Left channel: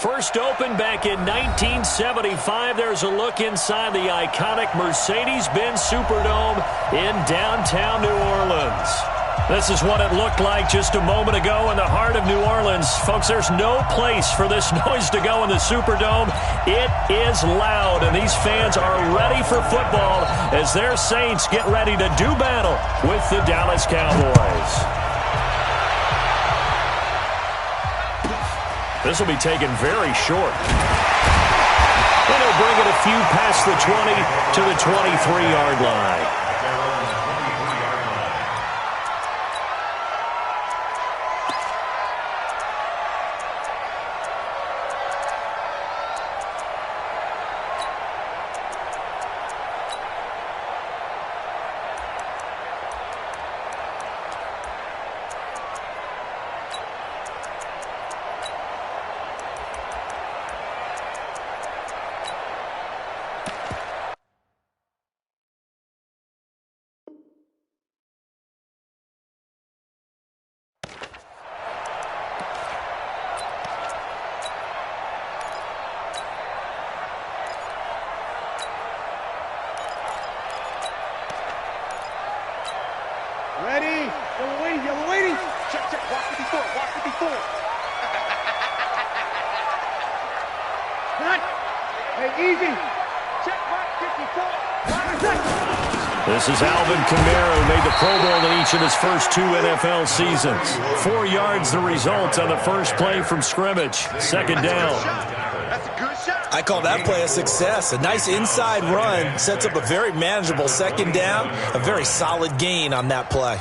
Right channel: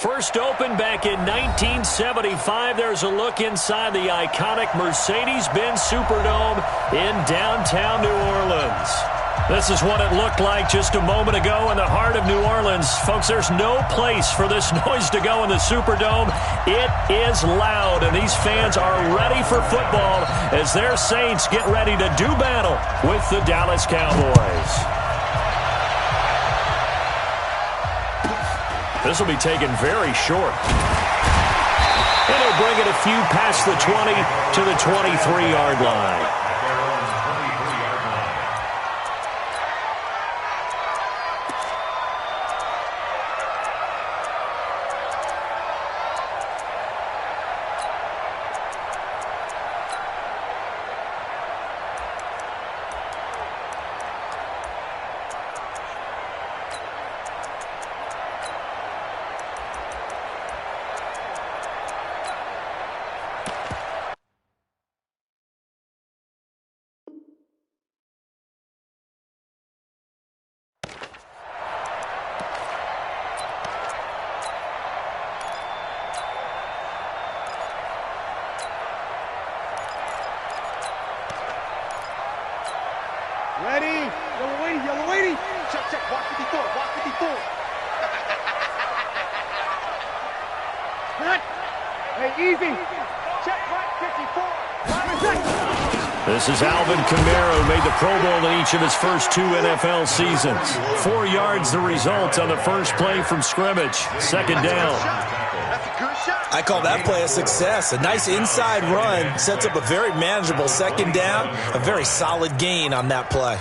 First opened back in 1975. There's a look inside the iconic Mercedes-Benz Superdome in downtown New Orleans. This is what it looked like just a moment ago in the heart of New Orleans. Folks, there's no place for this noise to go in the Superdome. It is loud, and these fans are ready for football as their Saints get ready to do battle with the Dallas Cowboys. This will be taken very short. And he'll bring it a few past the 20 to the 23-yard line. Ready? Yellow waiting. Check. Walk 54. Not. Hey, easy. Check, right, 54. This is Alvin Kamara, who made the Pro Bowl in each of his first 2 NFL seasons. 4 yards the result on the first play from scrimmage. Second down. That's a good shot. I call that play a success. A nice inside run sets up a very manageable second down. A very solid gain on that play.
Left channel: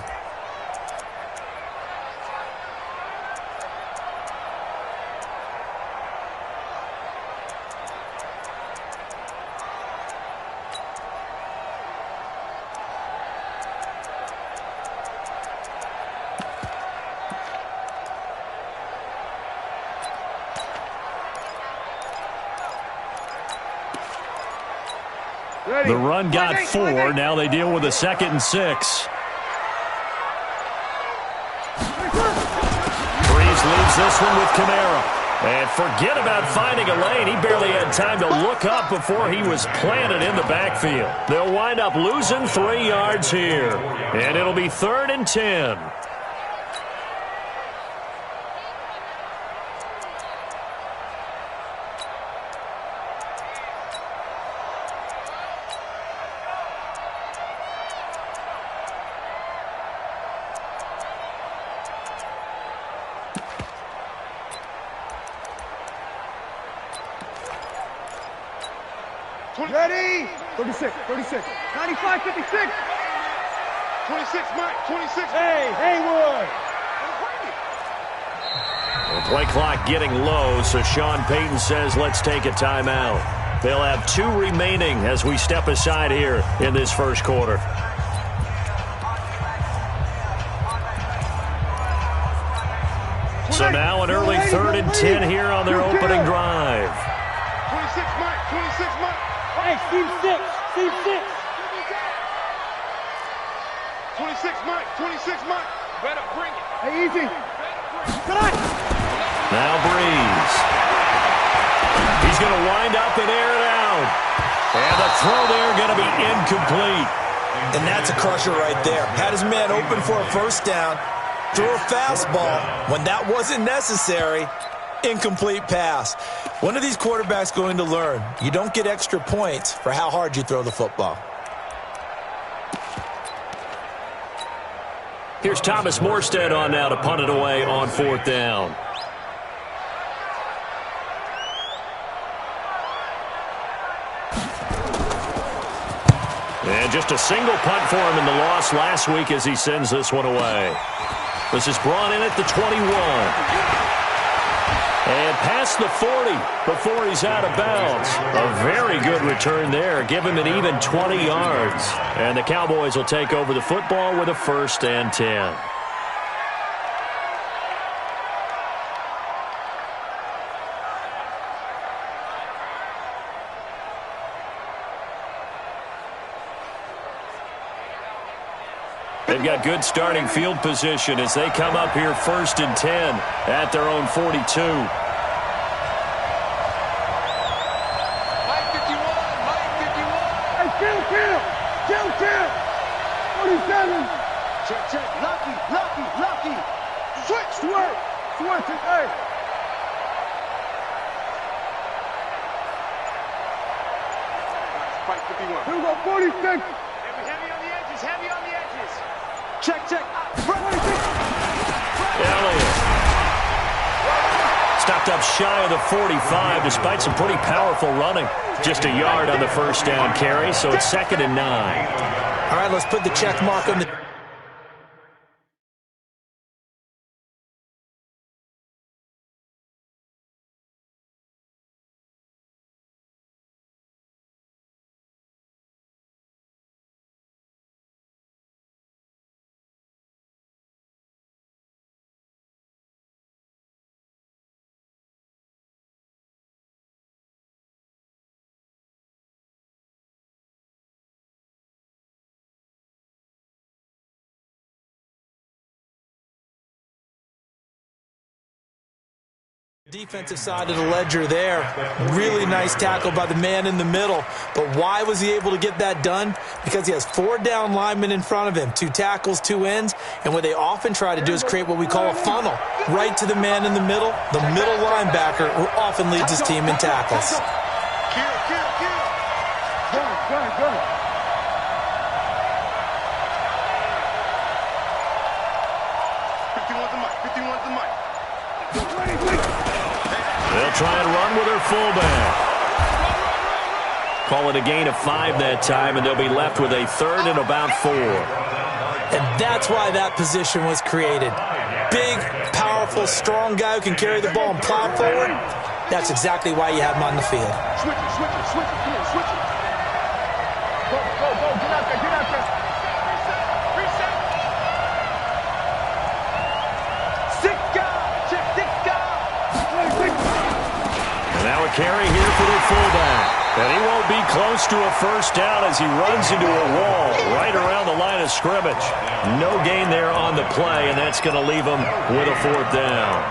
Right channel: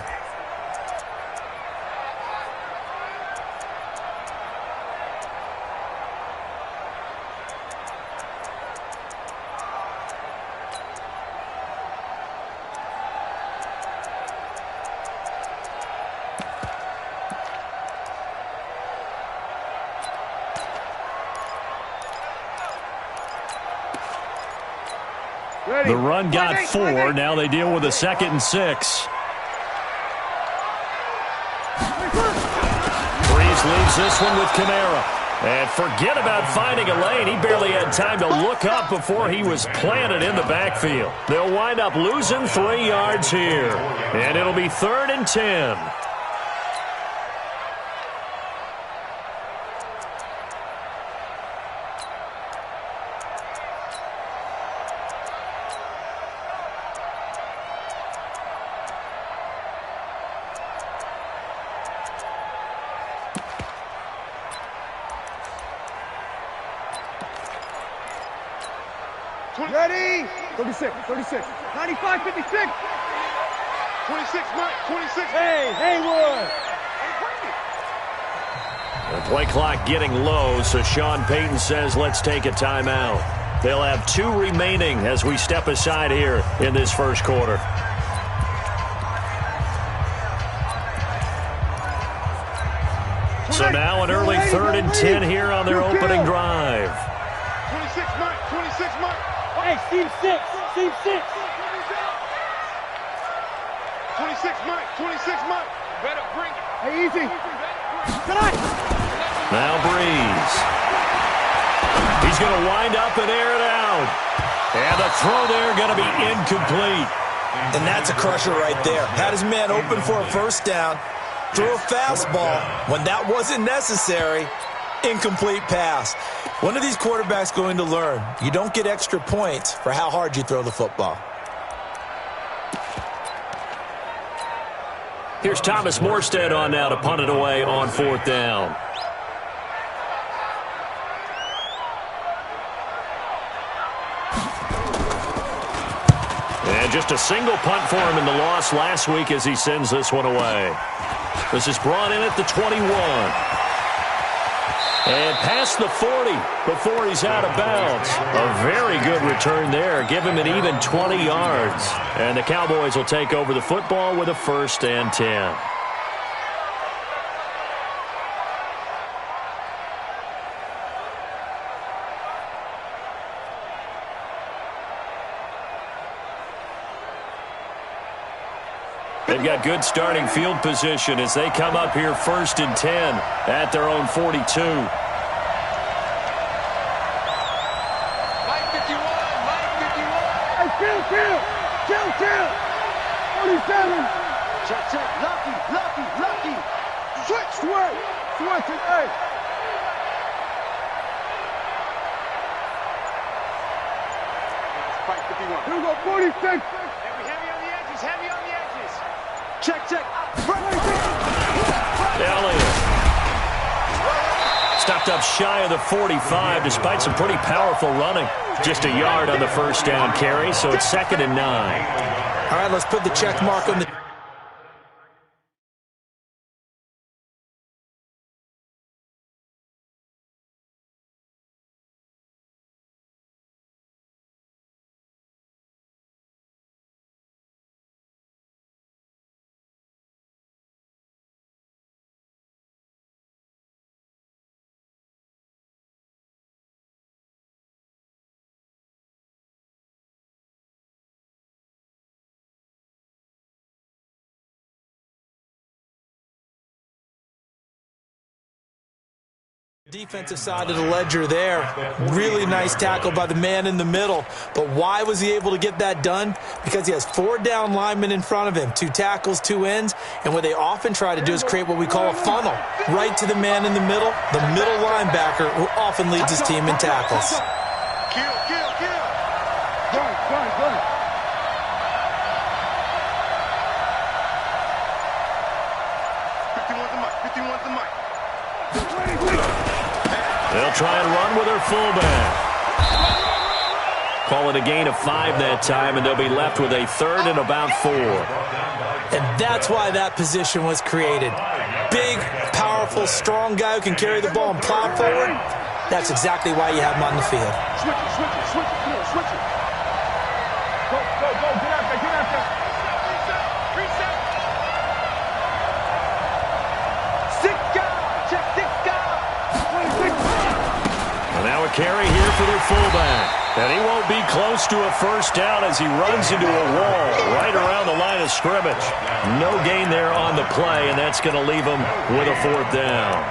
The run got 4. Now they deal with a 2nd and 6. Breeze leaves this one with Kamara. And forget about finding a lane. He barely had time to look up before he was planted in the backfield. They'll wind up losing 3 yards here. And it'll be 3rd and 10. Ready? 36. 95, 56. 26, Mike. 26. Hey, Haywood. The play clock getting low, so Sean Payton says let's take a timeout. They'll have 2 remaining as we step aside here in this first quarter. So now an early 3rd and 10 here on their opening drive. 26, Mike. 26, Mike. Hey, Steve 6. 26, Mike. 26, Mike. Better bring it. Hey, easy. Tonight. Now Breeze. He's going to wind up and air it out. And the throw there going to be incomplete. And that's a crusher right there. Had his man open for a first down. Threw a fastball when that wasn't necessary. Incomplete pass. When are these quarterbacks going to learn? You don't get extra points for how hard you throw the football. Here's Thomas Morstead on now to punt it away on 4th down. And just a single punt for him in the loss last week as he sends this one away. This is brought in at the 21. And past the 40 before he's out of bounds. A very good return there. Give him an even 20 yards. And the Cowboys will take over the football with a 1st and 10. They've got good starting field position as they come up here 1st and 10 at their own 42. Kill. 47. Check. Lucky. Switch. Hey. Fight 51. Here we go, 46. Hey, we heavy on the edges. Check. Elliott stopped up shy of the 45 despite some pretty powerful running. Just a yard on the first down carry, so it's 2nd and 9. All right, let's put the check mark on the... defensive side of the ledger there. Really nice tackle by the man in the middle. But why was he able to get that done? Because he has 4 down linemen in front of him, 2 tackles, 2 ends, and what they often try to do is create what we call a funnel right to the man in the middle, the middle linebacker, who often leads his team in tackles. Kill. Gun. 51's the mic. They'll try and run with their fullback. Call it a gain of 5 that time, and they'll be left with a 3rd and about 4. And that's why that position was created. Big, powerful, strong guy who can carry the ball and plow forward. That's exactly why you have him on the field. Switch it. Come on, switch it. Go. Get out there. Reset. 6 guys. Check 6 guys. 26. And now a carry here for their fullback. And he won't be close to a first down as he runs into a wall right around the line of scrimmage. No gain there on the play, and that's going to leave him with a 4th down.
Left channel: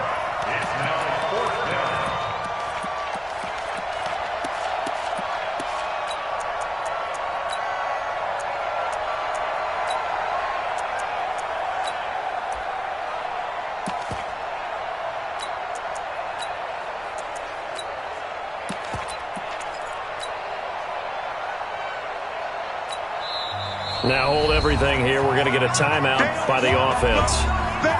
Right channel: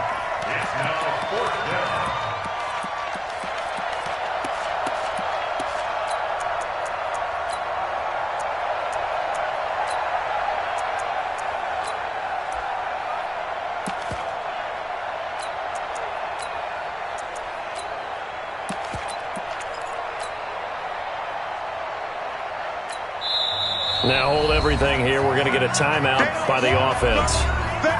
Now hold everything here. We're going to get a timeout by the offense.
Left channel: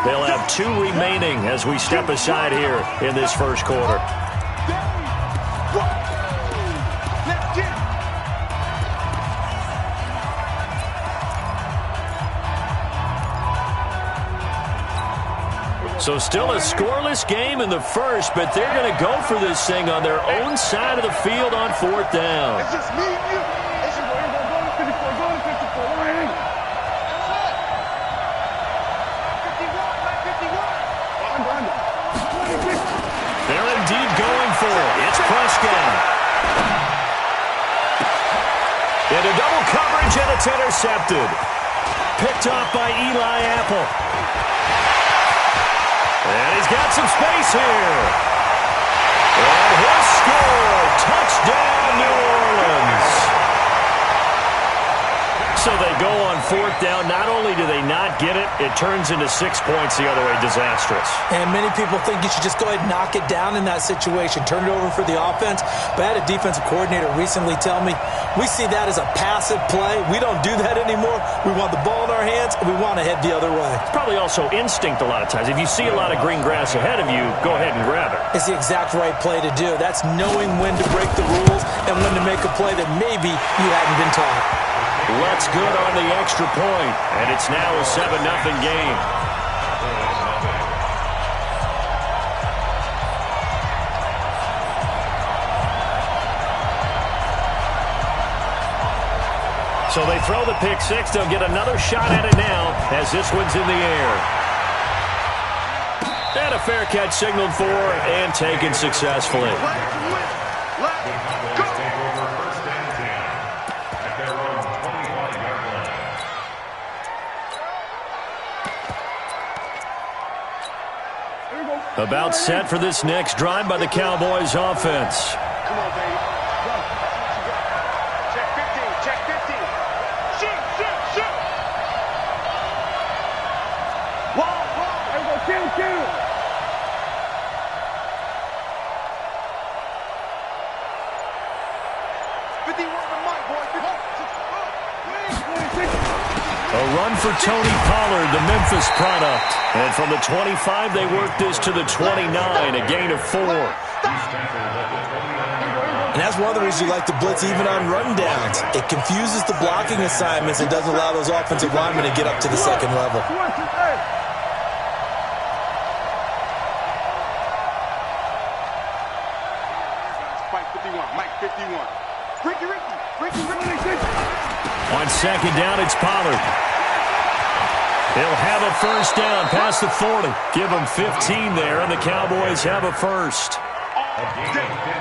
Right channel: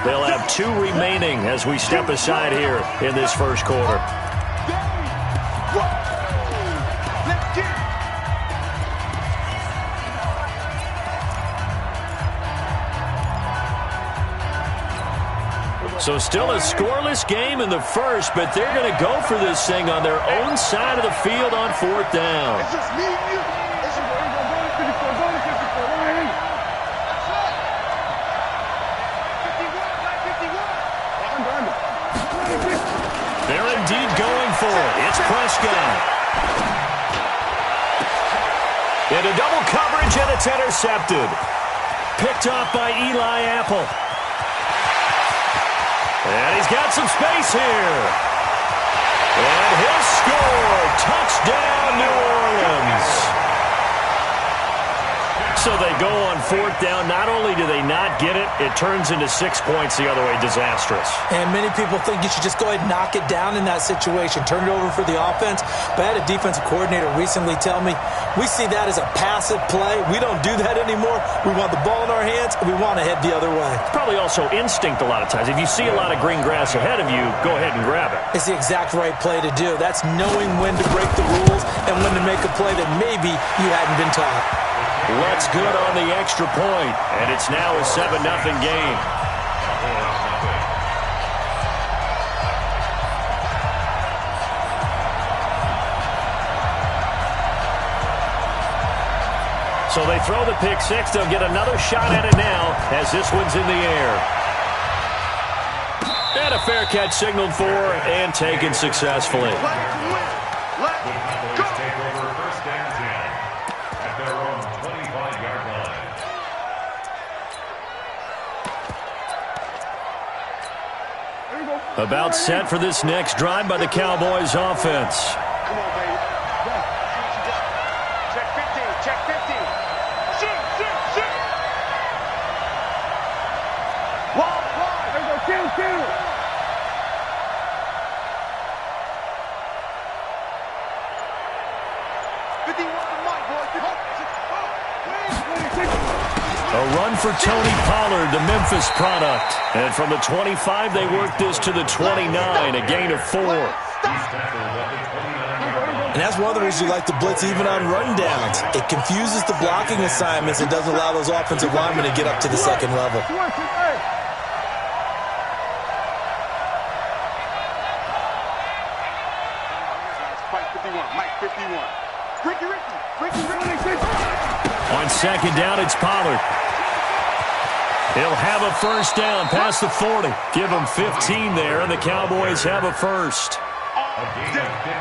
They'll have 2 remaining as we step aside here in this first quarter. So still a scoreless game in the first, but they're going to go for this thing on their own side of the field on 4th down. It's just me and you. It's just go to 54. Line 51. Under. 26. They're indeed going for it. It's Prescott. Into double coverage, and it's intercepted. Picked off by Eli Apple. And he's got some space here. And he'll score. Touchdown, New Orleans. So they go on 4th down. Not only do they not get it, it turns into 6 points the other way. Disastrous. And many people think you should just go ahead and knock it down in that situation, turn it over for the offense. But I had a defensive coordinator recently tell me, we see that as a passive play. We don't do that anymore. We want the ball in our hands, and we want to head the other way. It's probably also instinct a lot of times. If you see a lot of green grass ahead of you, go ahead and grab it. It's the exact right play to do. That's knowing when to break the rules and when to make a play that maybe you hadn't been taught. Let's good on the extra point, and it's now a 7-0 game. So they throw the pick 6. They'll get another shot at it now as this one's in the air. And a fair catch signaled for and taken successfully. About set for this next drive by the Cowboys offense. Come on, baby. Go. See what you got. Check 15. Kill. 51 the mic, boys. A run for Tony Pollard, the Memphis product. And from the 25, they work this to the 29, a gain of 4. And that's one of the reasons you like to blitz even on rundowns. It confuses the blocking assignments and doesn't allow those offensive linemen to get up to the second level. Fight 51, Mike 51. Ricky. On second down, it's Pollard. He'll have a first down past the 40. Give him 15 there, and the Cowboys have a first.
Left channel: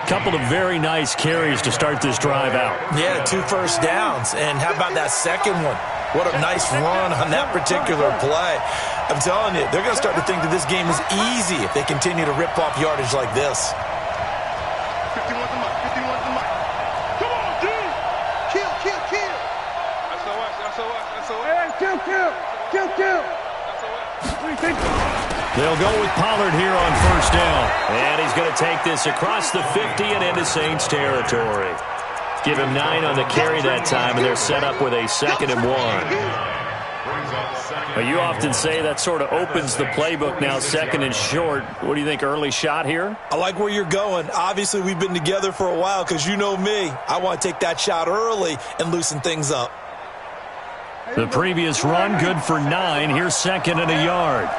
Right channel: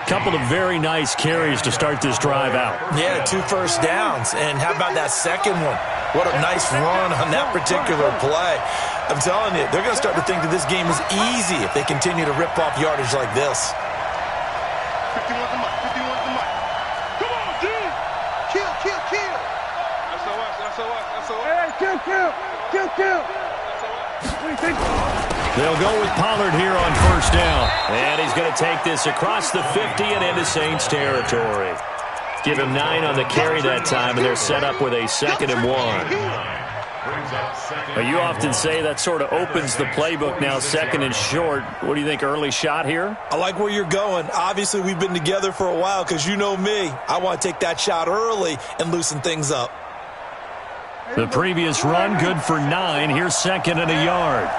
Couple of very nice carries to start this drive out. Yeah, 2 first downs. And how about that second one? What a nice run on that particular play. I'm telling you, they're going to start to think that this game is easy if they continue to rip off yardage like this. 51 the mic. Come on, D! Kill. SOS. Hey, kill. What do you think? They'll go with Pollard here on first down. And he's going to take this across the 50 and into Saints territory. Give him 9 on the carry that time, and they're set up with a 2nd and 1. Now, you often say that sort of opens the playbook now, 2nd and short. What do you think, early shot here? I like where you're going. Obviously, we've been together for a while because you know me. I want to take that shot early and loosen things up. The previous run, good for 9. Here's 2nd and a yard.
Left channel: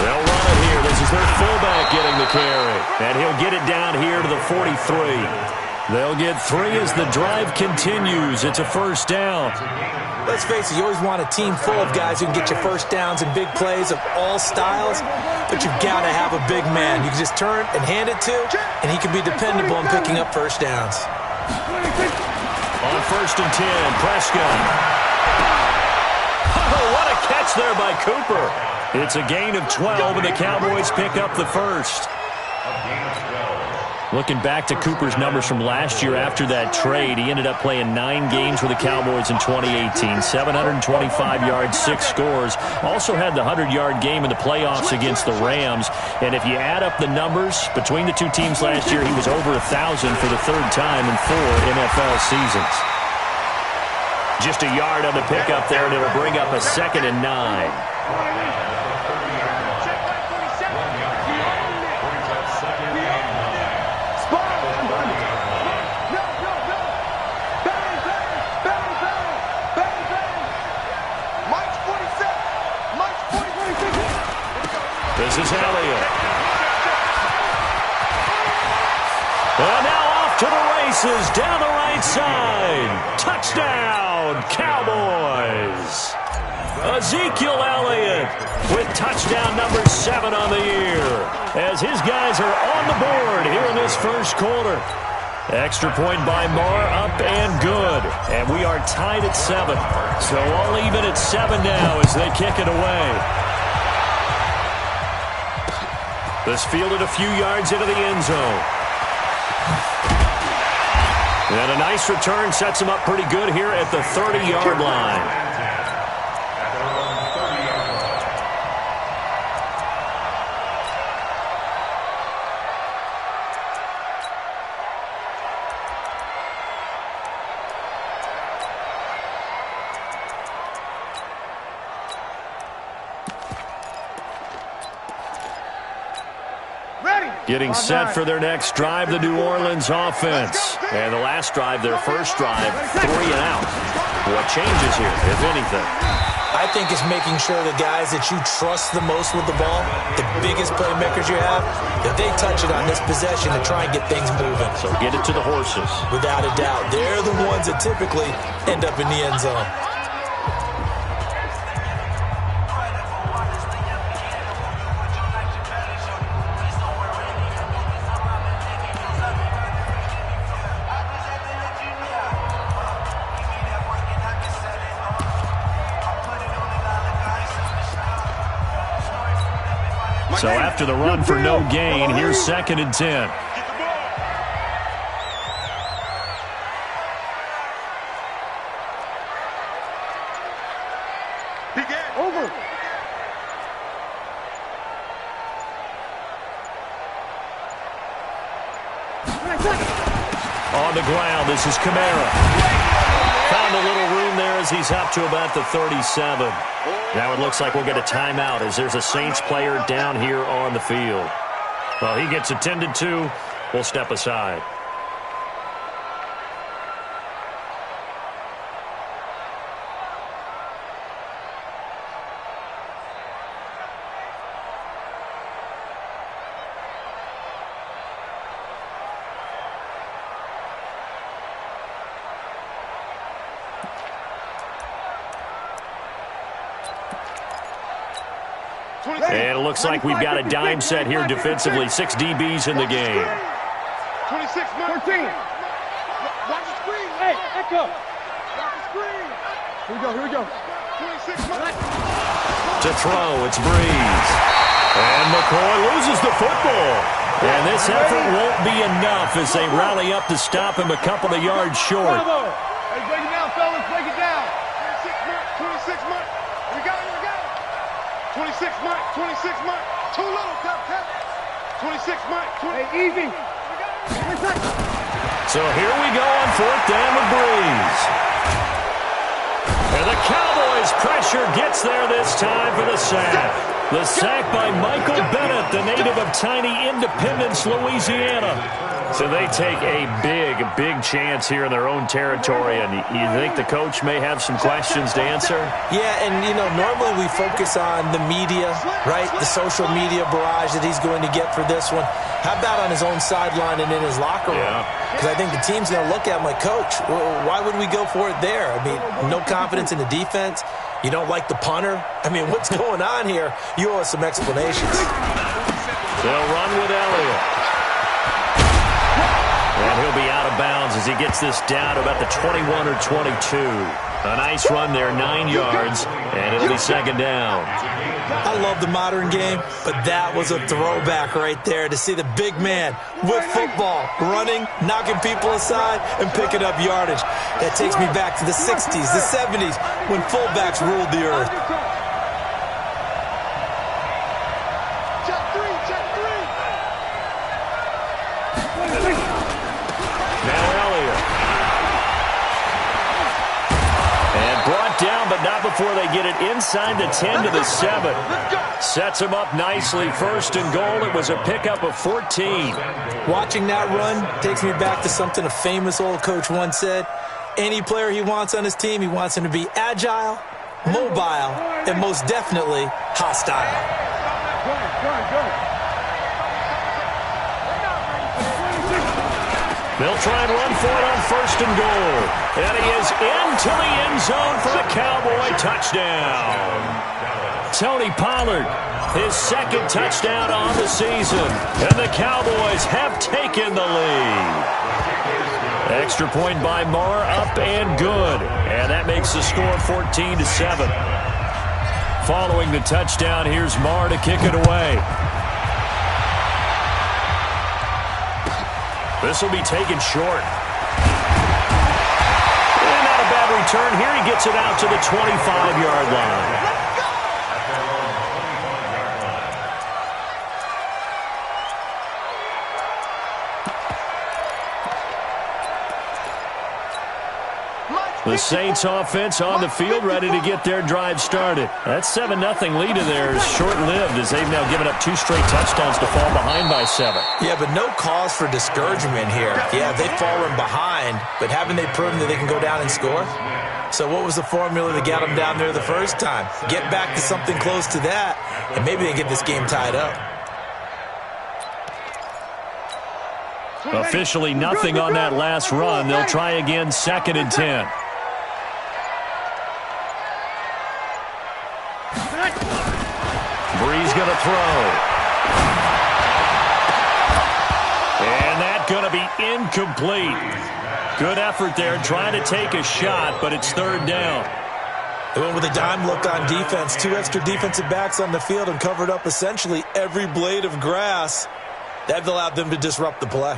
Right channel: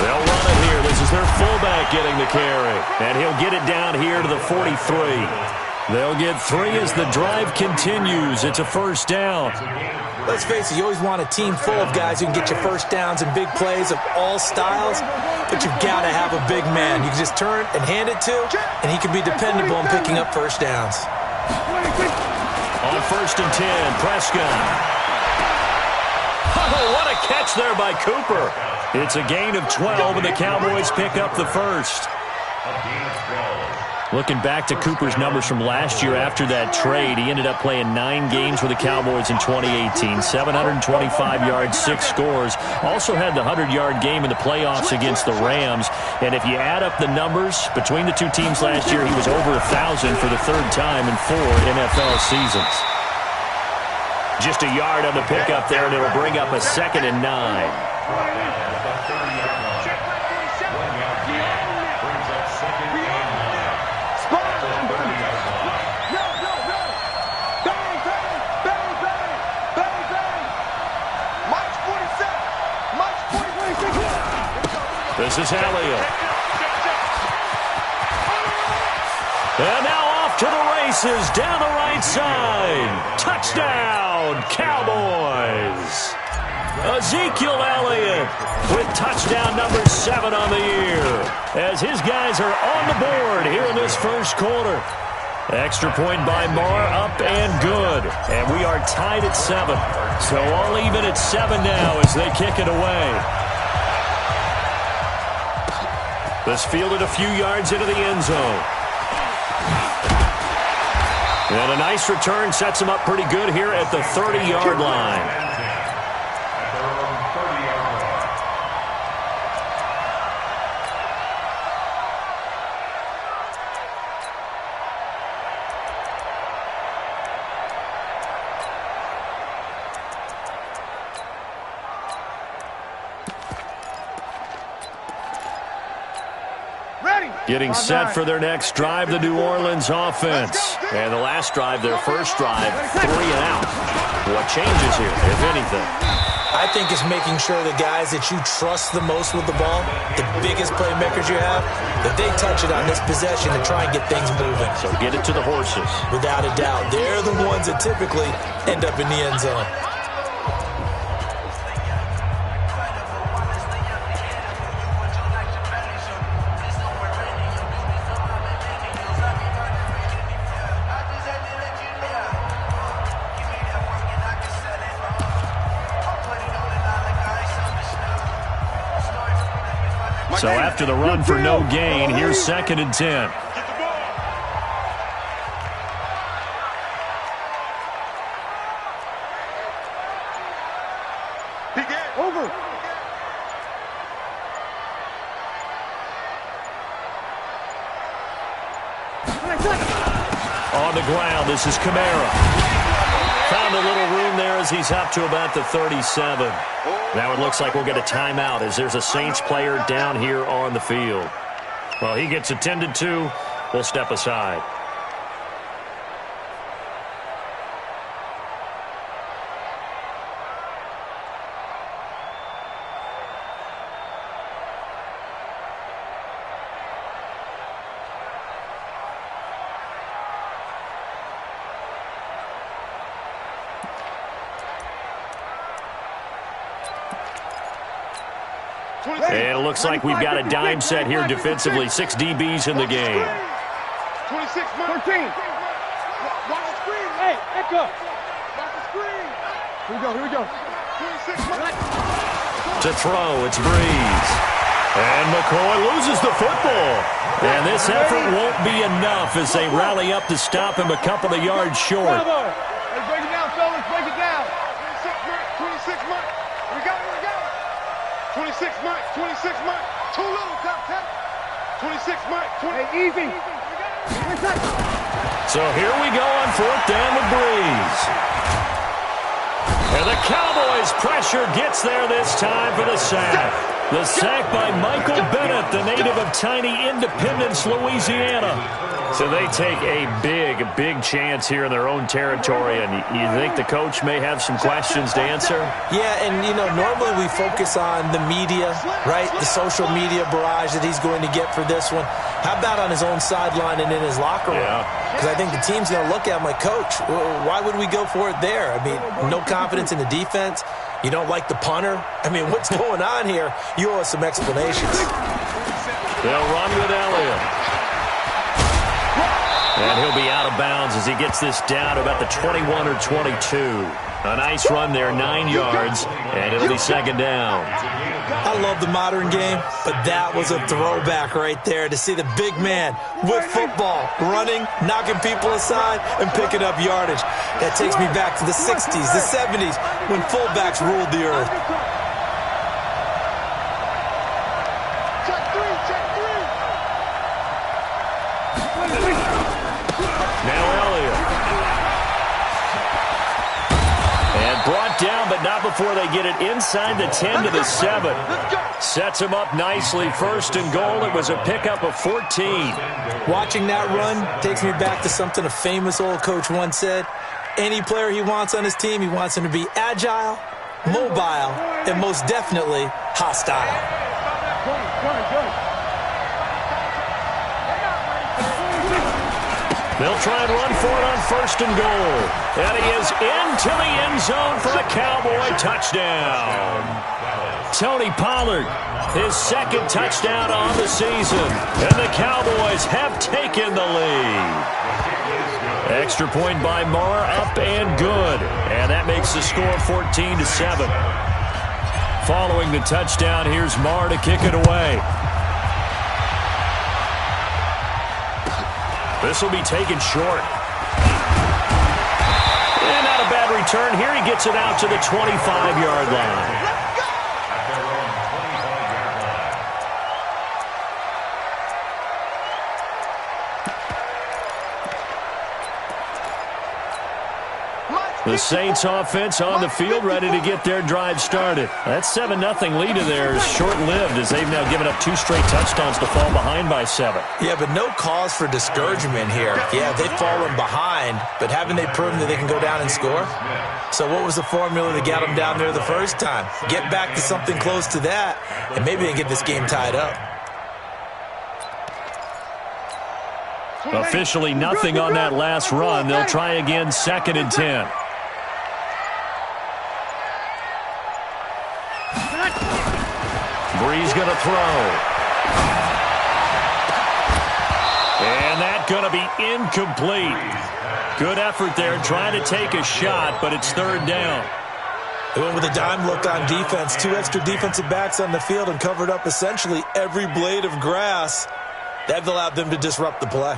They'll run it here. This is their fullback getting the carry. And he'll get it down here to the 43. They'll get 3 as the drive continues. It's a first down. Let's face it, you always want a team full of guys who can get you first downs and big plays of all styles, but you've got to have a big man you can just turn and hand it to, and he can be dependable in picking up first downs. On 1st and 10, Prescott. Oh, what a catch there by Cooper. It's a gain of 12, and the Cowboys pick up the first. Looking back to Cooper's numbers from last year after that trade, he ended up playing 9 games with the Cowboys in 2018. 725 yards, 6 scores. Also had the 100-yard game in the playoffs against the Rams. And if you add up the numbers between the 2 teams last year, he was over 1,000 for the 3rd time in 4 NFL seasons. Just a yard on the pickup there, and it'll bring up a 2nd and 9. This is Elliott. And now off to the races down the right side. Touchdown, Cowboys. Ezekiel Elliott with touchdown number 7 on the year as his guys are on the board here in this first quarter. Extra point by Marr, up and good. And we are tied at 7. So all even at 7 now as they kick it away. This fielded a few yards into the end zone. And a nice return sets him up pretty good here at the 30-yard line. Getting set for their next drive, the New Orleans offense. And the last drive, their first drive, 3 and out. What changes here, if anything? I think it's making sure the guys that you trust the most with the ball, the biggest playmakers you have, that they touch it on this possession to try and get things moving. So get it to the horses. Without a doubt. They're the ones that typically end up in the end zone. So after the run for no gain, here's 2nd and 10. Over. On the ground, this is Kamara. Found a little room there as he's up to about the 37. Now it looks like we'll get a timeout as there's a Saints player down here on the field. Well, he gets attended to. We'll step aside. And it looks like we've got a dime set here defensively. 6 DBs in the game. 26, 13. Watch the screen. Hey, Echo. Watch the screen. Here we go. 26, to throw, it's Breeze. And McCoy loses the football. And this effort won't be enough as they rally up to stop him a couple of yards short. Hey, break it down, fellas. Break it down. 26, Mike. Here we go. 26, Mike. 26, Mike. Too little, tap. 26, Mike. Hey, easy. So here we go on 4th down with Breeze. And the Cowboys' pressure gets there this time for the sack. The sack by Michael Bennett, the native of tiny Independence, Louisiana. So they take a big chance here in their own territory, and you think the coach may have some questions to answer? Yeah, and, normally we focus on the media, right? The social media barrage that he's going to get for this one. How about on his own sideline and in his locker room? Because I think the team's going to look at him like, Coach, why would we go for it there? I mean, no confidence in the defense. You don't like the punter? I mean, what's going on here? You owe us some explanations. They'll run with Elliott. And he'll be out of bounds as he gets this down to about the 21 or 22. A nice run there, 9 yards, and it'll be 2nd down. I love the modern game, but that was a throwback right there to see the big man with football, running, knocking people aside, and picking up yardage. That takes me back to the 60s, the 70s, when fullbacks ruled the earth. Check three. Now Elliott. And brought down, but not before they get it inside the 10 to the 7. Sets him up nicely. 1st and goal. It was a pickup of 14. Watching that run takes me back to something a famous old coach once said. Any player he wants on his team, he wants him to be agile, mobile, and most definitely hostile. Good. They'll try and run for it on 1st and goal. And he is into the end zone for a Cowboy touchdown. Tony Pollard, his 2nd touchdown on the season. And the Cowboys have taken the lead. Extra point by Marr, up and good. And that makes the score 14-7. Following the touchdown, here's Marr to kick it away. This will be taken short. And not a bad return here. He gets it out to the 25-yard line. The Saints offense on the field, ready to get their drive started. That 7-0 lead of theirs short-lived as they've now given up 2 straight touchdowns to fall behind by 7. Yeah, but no cause for discouragement here. Yeah, they've fallen behind, but haven't they proven that they can go down and score? So what was the formula that got them down there the first time? Get back to something close to that, and maybe they can get this game tied up. Officially nothing on that last run. They'll try again, 2nd and 10. Breeze going to throw. And that's going to be incomplete. Good effort there trying to take a shot, but it's 3rd down. They went with a dime look on defense. 2 extra defensive backs on the field and covered up essentially every blade of grass. That allowed them to disrupt the play.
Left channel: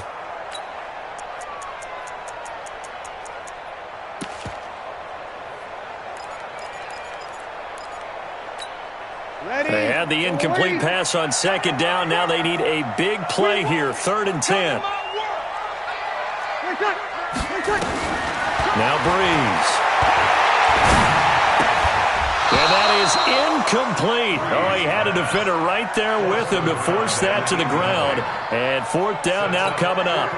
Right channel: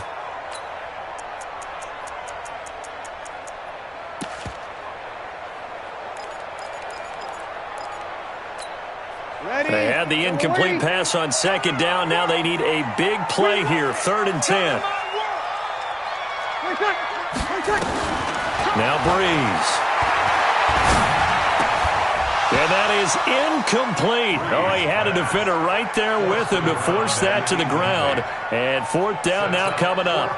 They had the incomplete pass on 2nd down. Now they need a big play here, 3rd and 10. Now Breeze. And that is incomplete. Oh, he had a defender right there with him to force that to the ground. And fourth down now coming up.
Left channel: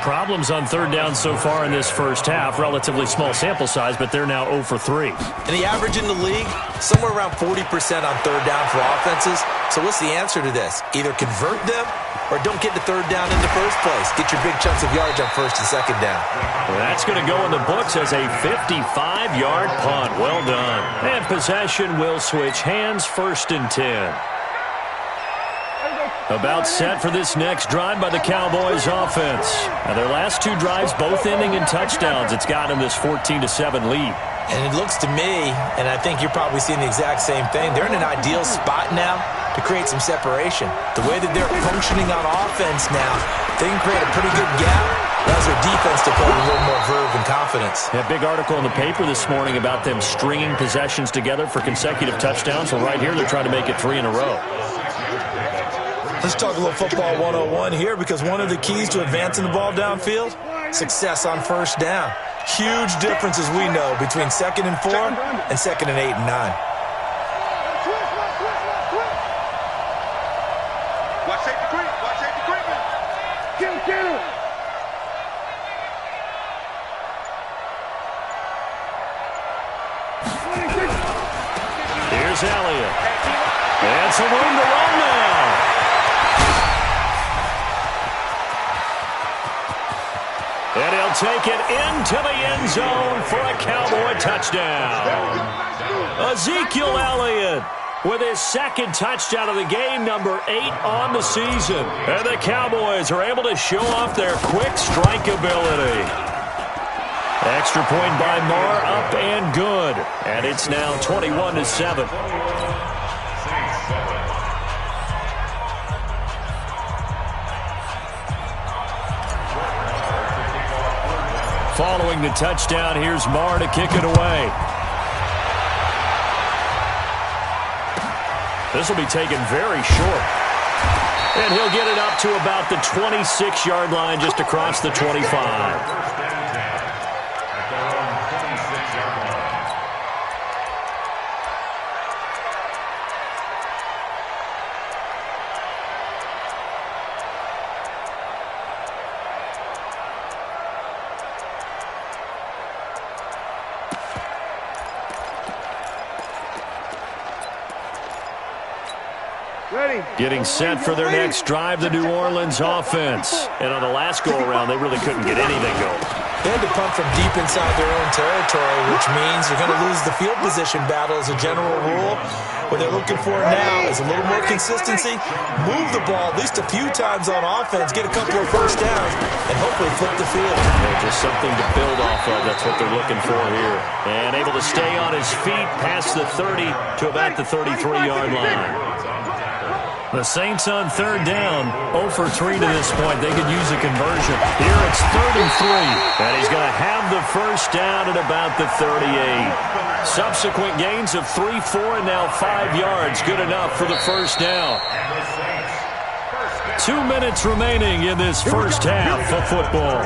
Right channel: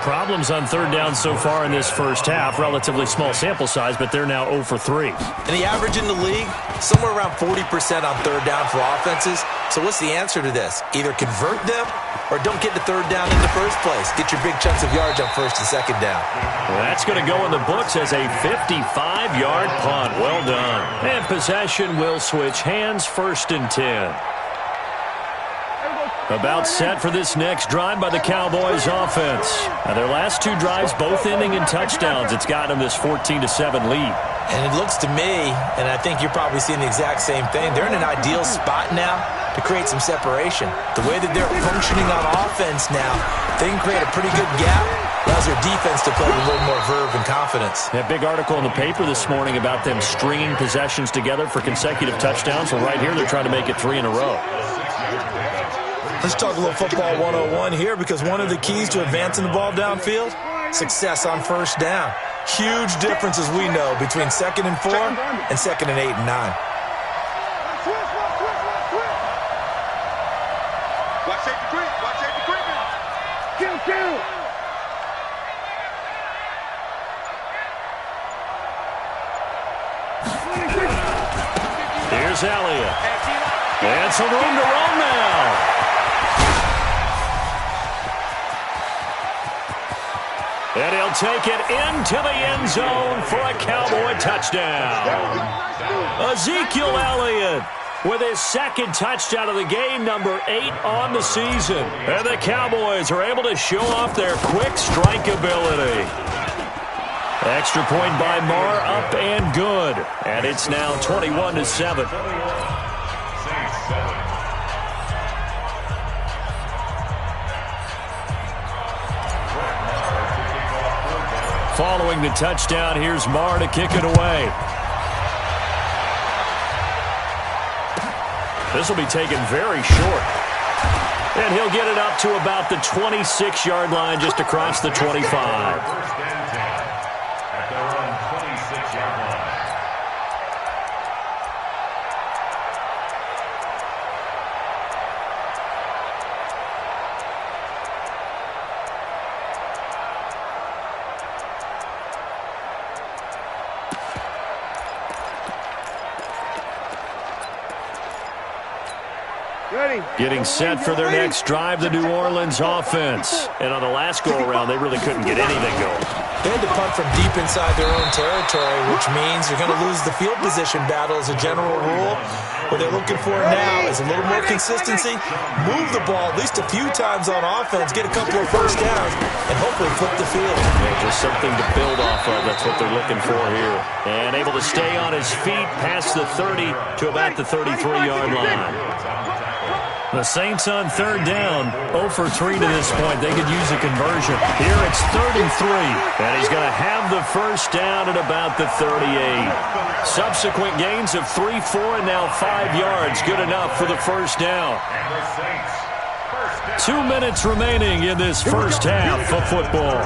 Problems on third down so far in this first half. Relatively small sample size, but they're now 0 for 3. And the average in the league, somewhere around 40% on third down for offenses. So what's the answer to this? Either convert them or don't get to third down in the first place. Get your big chunks of yards on first and second down. Well, that's going to go in the books as a 55-yard punt. Well done. And possession will switch hands, 1st and 10. About set for this next drive by the Cowboys offense. Now their last 2 drives both ending in touchdowns. It's got them this 14-7 lead. And it looks to me, and I think you're probably seeing the exact same thing, they're in an ideal spot now to create some separation. The way that they're functioning on offense now, they can create a pretty good gap. Allows their defense to play with a little more verve and confidence. A big article in the paper this morning about them stringing possessions together for consecutive touchdowns. Well, right here, they're trying to make it 3 in a row. Let's talk a little football 101 here, because one of the keys to advancing the ball downfield, success on first down. Huge difference, as we know, between 2nd and 4 and 2nd and 8 and 9. Watch safety creep. Watch safety creeping. Kill. Here's Elliott. And some room to run now. And he'll take it into the end zone for a Cowboy touchdown. Ezekiel Elliott with his 2nd touchdown of the game, number 8 on the season. And the Cowboys are able to show off their quick strike ability. Extra point by Marr, up and good. And it's now 21-7. Following the touchdown, here's Marr to kick it away. This will be taken very short. And he'll get it up to about the 26-yard line, just across the 25. At their own 26-yard line. Getting set for their next drive, the New Orleans offense. And on the last go-around, they really couldn't get anything going. They had to punt from deep inside their own territory, which means you're going to lose the field position battle as a general rule. What they're looking for now is a little more consistency, move the ball at least a few times on offense, get a couple of first downs, and hopefully flip the field. Yeah, just something to build off of. That's what they're looking for here. And able to stay on his feet past the 30 to about the 33-yard line. The Saints on third down, 0 for 3 to this point. They could use a conversion. Here it's 3rd and 3, and he's going to have the first down at about the 38. Subsequent gains of 3, 4, and now 5 yards. Good enough for the first down. 2 minutes remaining in this first half of football.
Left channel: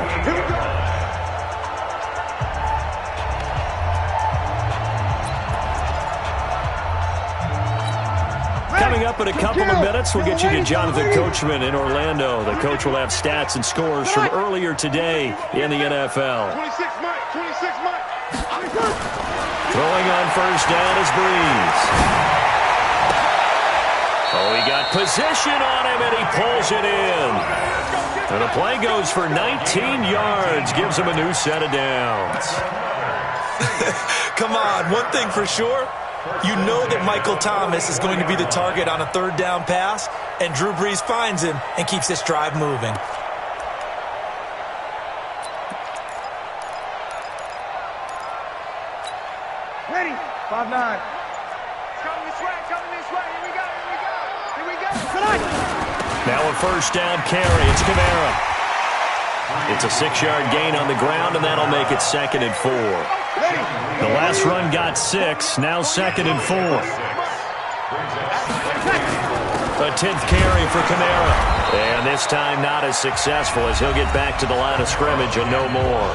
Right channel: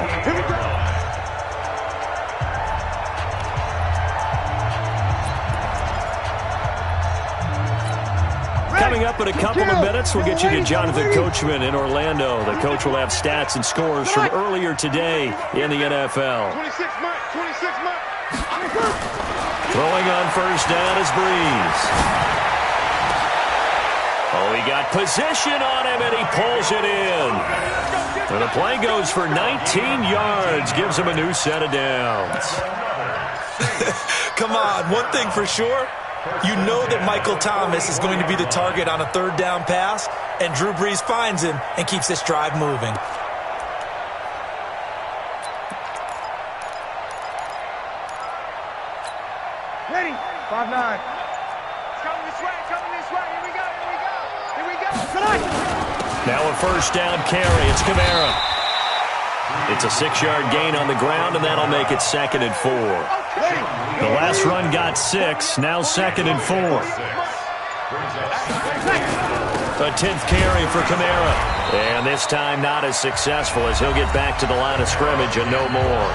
Coming up in a couple of minutes, we'll get you to Jonathan Coachman in Orlando. The coach will have stats and scores from earlier today in the NFL. 26 Mike. Throwing on first down is Breeze. Oh, he got position on him, and he pulls it in. And the play goes for 19 yards, gives him a new set of downs. Come on, one thing for sure. You know that Michael Thomas is going to be the target on a third down pass, and Drew Brees finds him and keeps this drive moving. Ready. 5-9. Coming this way. Here we go. Now a first down carry. It's Kamara. It's a 6-yard gain on the ground, and that'll make it 2nd and 4. The last run got 6, now 2nd and 4. A 10th carry for Kamara. And this time not as successful as he'll get back to the line of scrimmage and no more.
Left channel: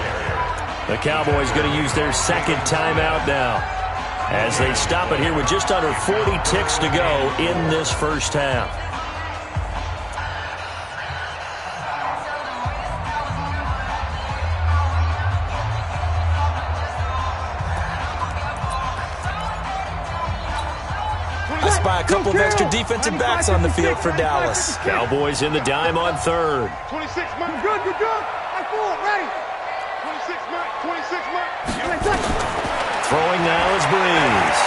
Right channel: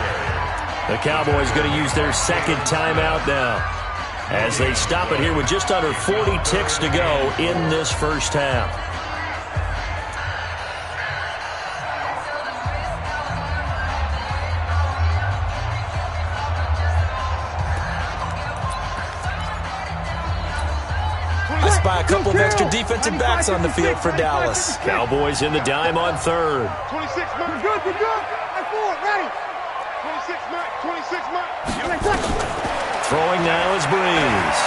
The Cowboys going to use their second timeout now as they stop it here with just under 40 ticks to go in this first half. I spy a couple of extra defensive backs on the field for Dallas. Cowboys in the dime on third. 26 Mike. You're good. I forward, ready. 26 Mike. 26 Mike. Throwing now is Breeze.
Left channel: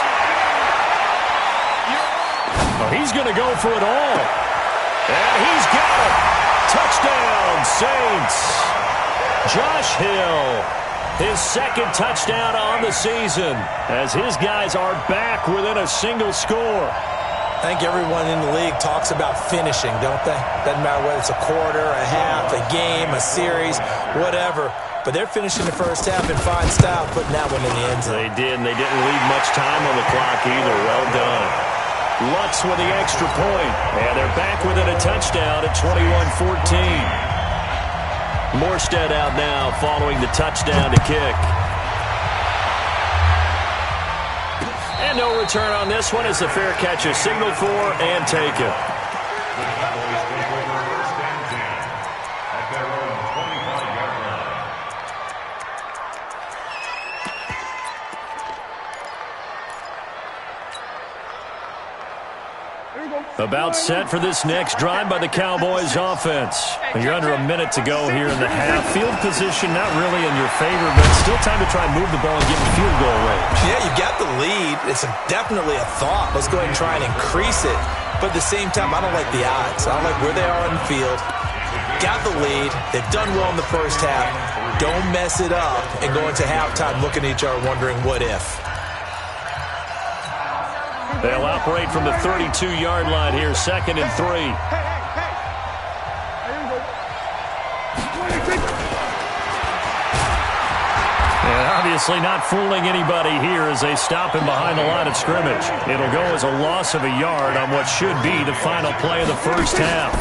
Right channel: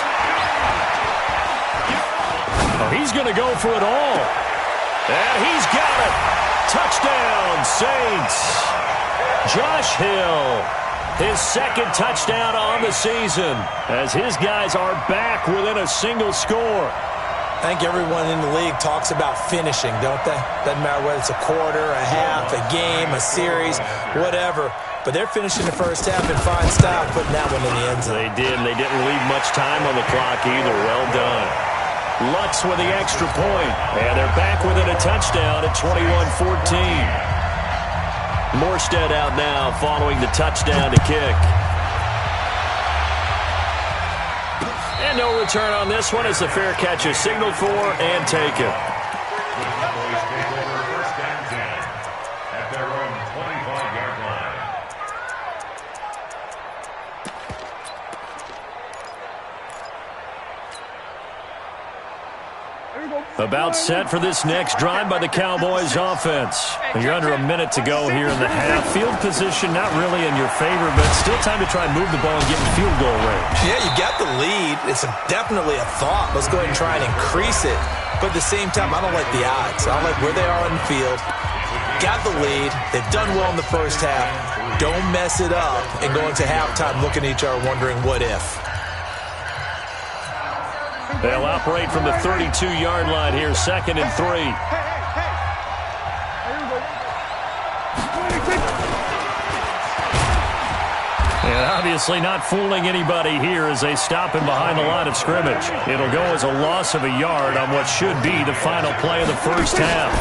Oh, he's going to go for it all. And he's got it. Touchdown, Saints. Josh Hill. His second touchdown on the season as his guys are back within a single score. I think everyone in the league talks about finishing, don't they? Doesn't matter whether it's a quarter, a half, a game, a series, whatever. But they're finishing the first half in fine style, putting that one in the end zone. They did, and they didn't leave much time on the clock either. Well done. Lutz with the extra point, and they're back within a touchdown at 21-14. Morstead out now following the touchdown to kick. And no return on this one as the fair catch is signaled for and taken. The Cowboys take over first and 10 at their own 25-yard line. About set for this next drive by the Cowboys offense. You're under a minute to go here in the half. Field position not really in your favor, but still time to try and move the ball and get in field goal range. Yeah, you got the lead. It's definitely a thought. Let's go ahead and try and increase it. But at the same time, I don't like the odds. I don't like where they are on the field. Got the lead. They've done well in the first half. Don't mess it up and go into halftime looking at each other wondering what if. They'll operate from the 32-yard line here, 2nd and 3. And obviously not fooling anybody here as they stop him behind the line of scrimmage. It'll go as a loss of a yard on what should be the final play of the first half.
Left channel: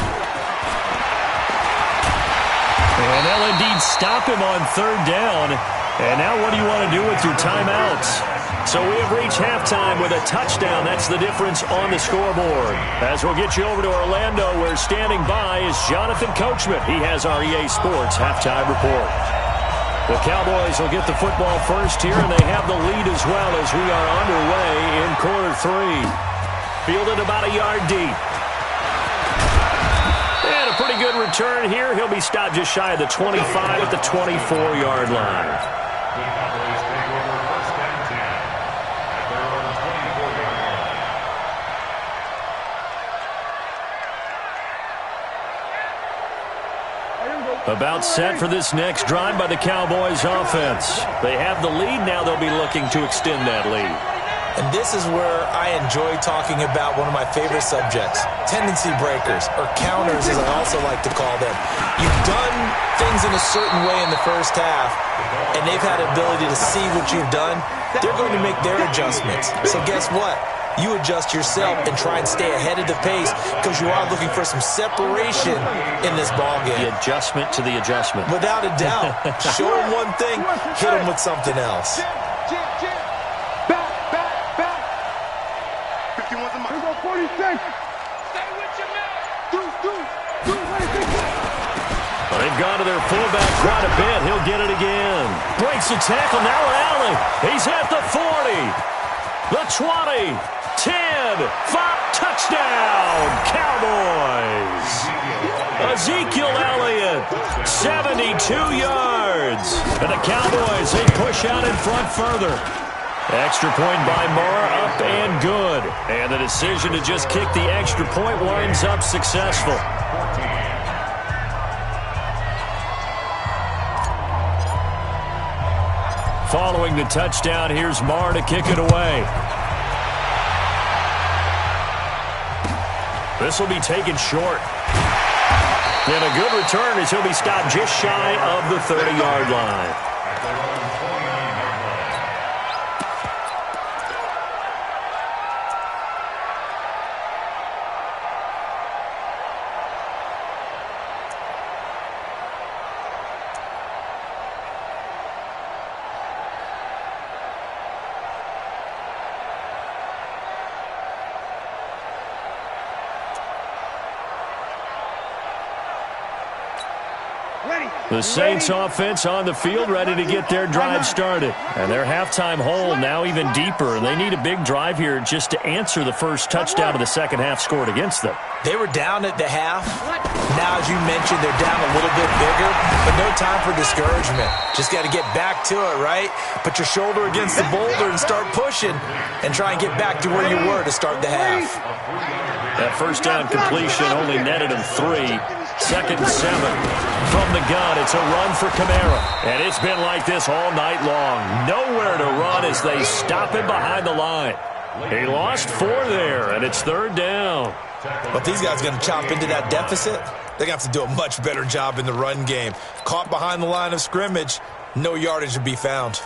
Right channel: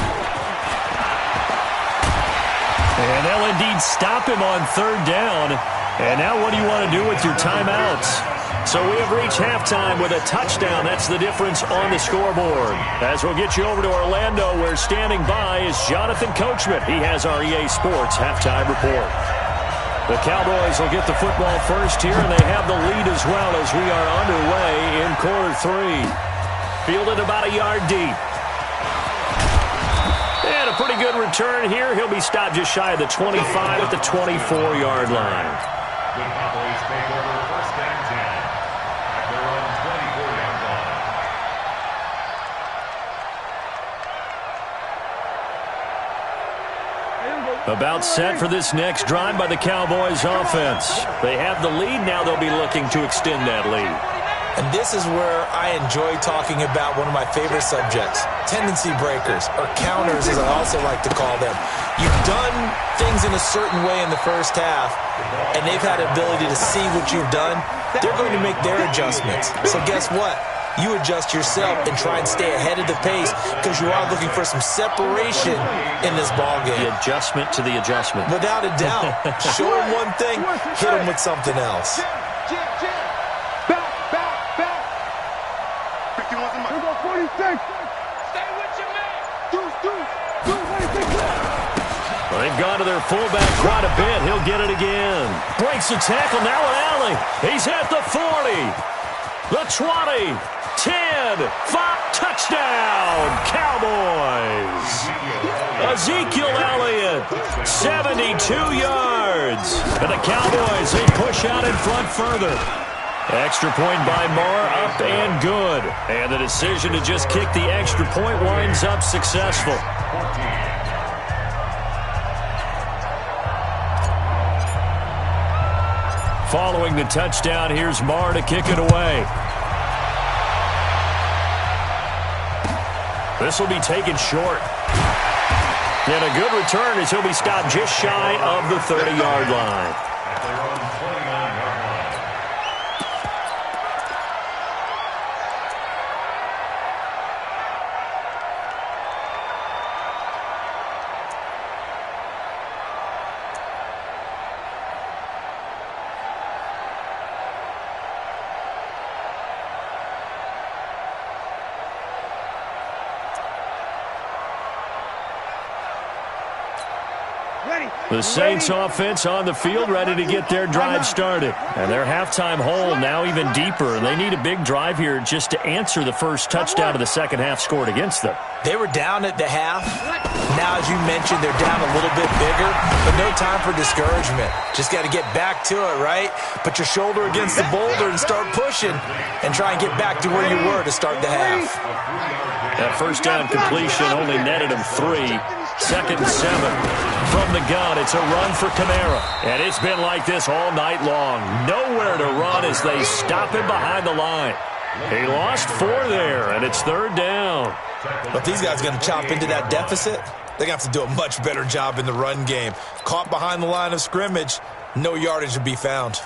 And they'll indeed stop him on 3rd down. And now what do you want to do with your timeouts? So we have reached halftime with a touchdown. That's the difference on the scoreboard. As we'll get you over to Orlando, where standing by is Jonathan Coachman. He has our EA Sports halftime report. The Cowboys will get the football first here, and they have the lead as well as we are underway in quarter 3. Fielded about a yard deep. And a pretty good return here. He'll be stopped just shy of the 25 at the 24-yard line. The Cowboys take over first and 10 at their own 24-yard line. About set for this next drive by the Cowboys offense. They have the lead. Now they'll be looking to extend that lead. And this is where I enjoy talking about one of my favorite subjects, tendency breakers, or counters as I also like to call them. You've done things in a certain way in the first half, and they've had the ability to see what you've done. They're going to make their adjustments. So guess what? You adjust yourself and try and stay ahead of the pace because you are looking for some separation in this ballgame. The adjustment to the adjustment. Without a doubt. Show them one thing, hit them with something else. Here go 46. Stay with your man. Deuce, Well, they've gone to their fullback quite a bit. He'll get it again. Breaks the tackle. Now an alley. He's at the 40. The 20. 10. 5. Touchdown. Cowboys. Ezekiel Elliott. 72 yards. And the Cowboys, they push out in front further. Extra point by Marr, up and good. And the decision to just kick the extra point winds up successful. 14. Following the touchdown, here's Marr to kick it away. This will be taken short. And a good return as he'll be stopped just shy of the 30-yard line. At their own 29-yard line. The Saints offense on the field, ready to get their drive started. And their halftime hole now even deeper, and they need a big drive here just to answer the first touchdown of the second half scored against them. They were down at the half. Now, as you mentioned, they're down a little bit bigger, but no time for discouragement. Just got to get back to it, right? Put your shoulder against the boulder and start pushing and try and get back to where you were to start the half. That first down completion only netted him 3. Second and 7 from the gun. It's a run for Kamara. And it's been like this all night long. Nowhere to run as they stop him behind the line. He lost 4 there, and it's third down. But these guys are going to chop into that deficit. They're going to have to do a much better job in the run game. Caught behind the line of scrimmage, no yardage to be found.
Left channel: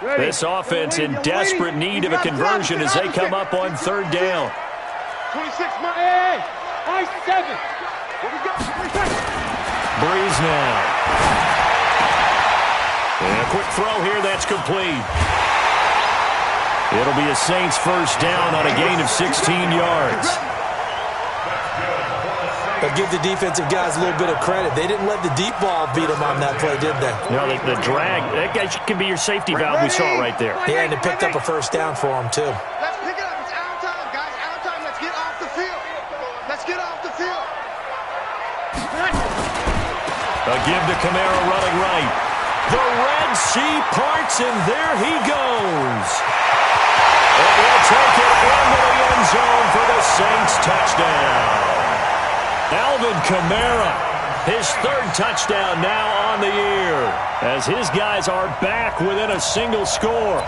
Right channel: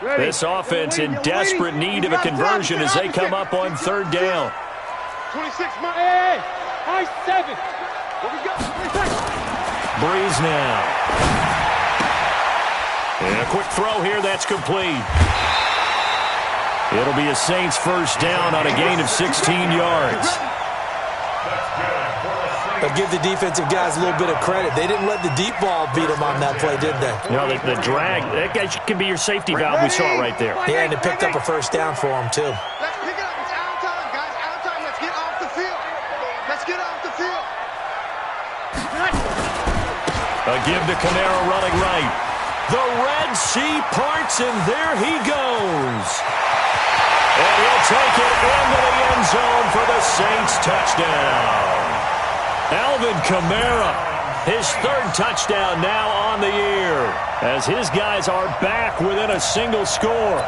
This offense in desperate need of a conversion as they come up on third down. 26 miles. Hey, high 7. Where we go? Breeze now. And a quick throw here, that's complete. It'll be a Saints first down on a gain of 16 yards. But give the defensive guys a little bit of credit. They didn't let the deep ball beat them on that play, did they? No, the drag, that guy can be your safety valve we saw right there. Yeah, and it picked up a first down for them, too. Let's pick it up. It's out time, guys. Out time. Let's get off the field. Let's get off the field. A give to Kamara running right. The Red Sea parts, and there he goes. And he'll take it into the end zone for the Saints touchdown. Alvin Kamara, his third touchdown now on the year, as his guys are back within a single score.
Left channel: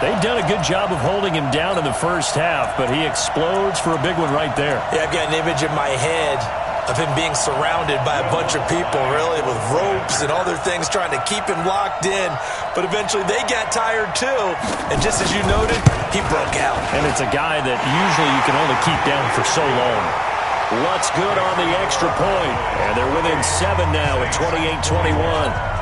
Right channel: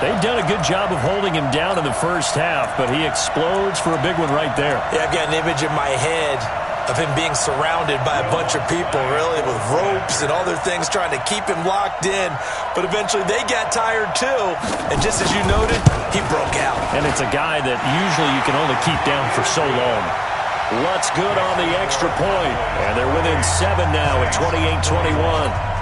They've done a good job of holding him down in the first half, but he explodes for a big one right there. Yeah, I've got an image in my head of him being surrounded by a bunch of people, really, with ropes and other things trying to keep him locked in. But eventually they got tired, too. And just as you noted, he broke out. And it's a guy that usually you can only keep down for so long. What's good on the extra point? And they're within 7 now at 28-21.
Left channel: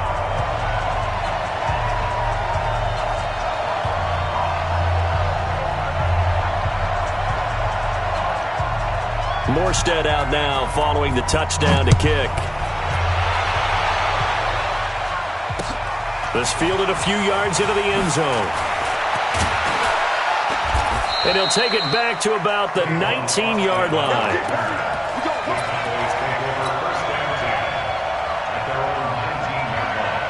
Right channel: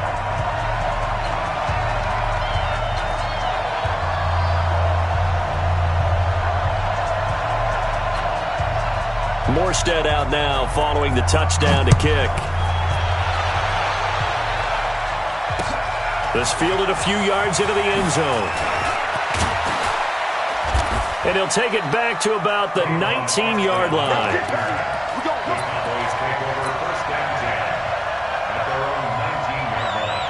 Morstead out now following the touchdown to kick. This fielded a few yards into the end zone. And he'll take it back to about the 19-yard line. Cowboys take over first and 10 at their own 19-yard line.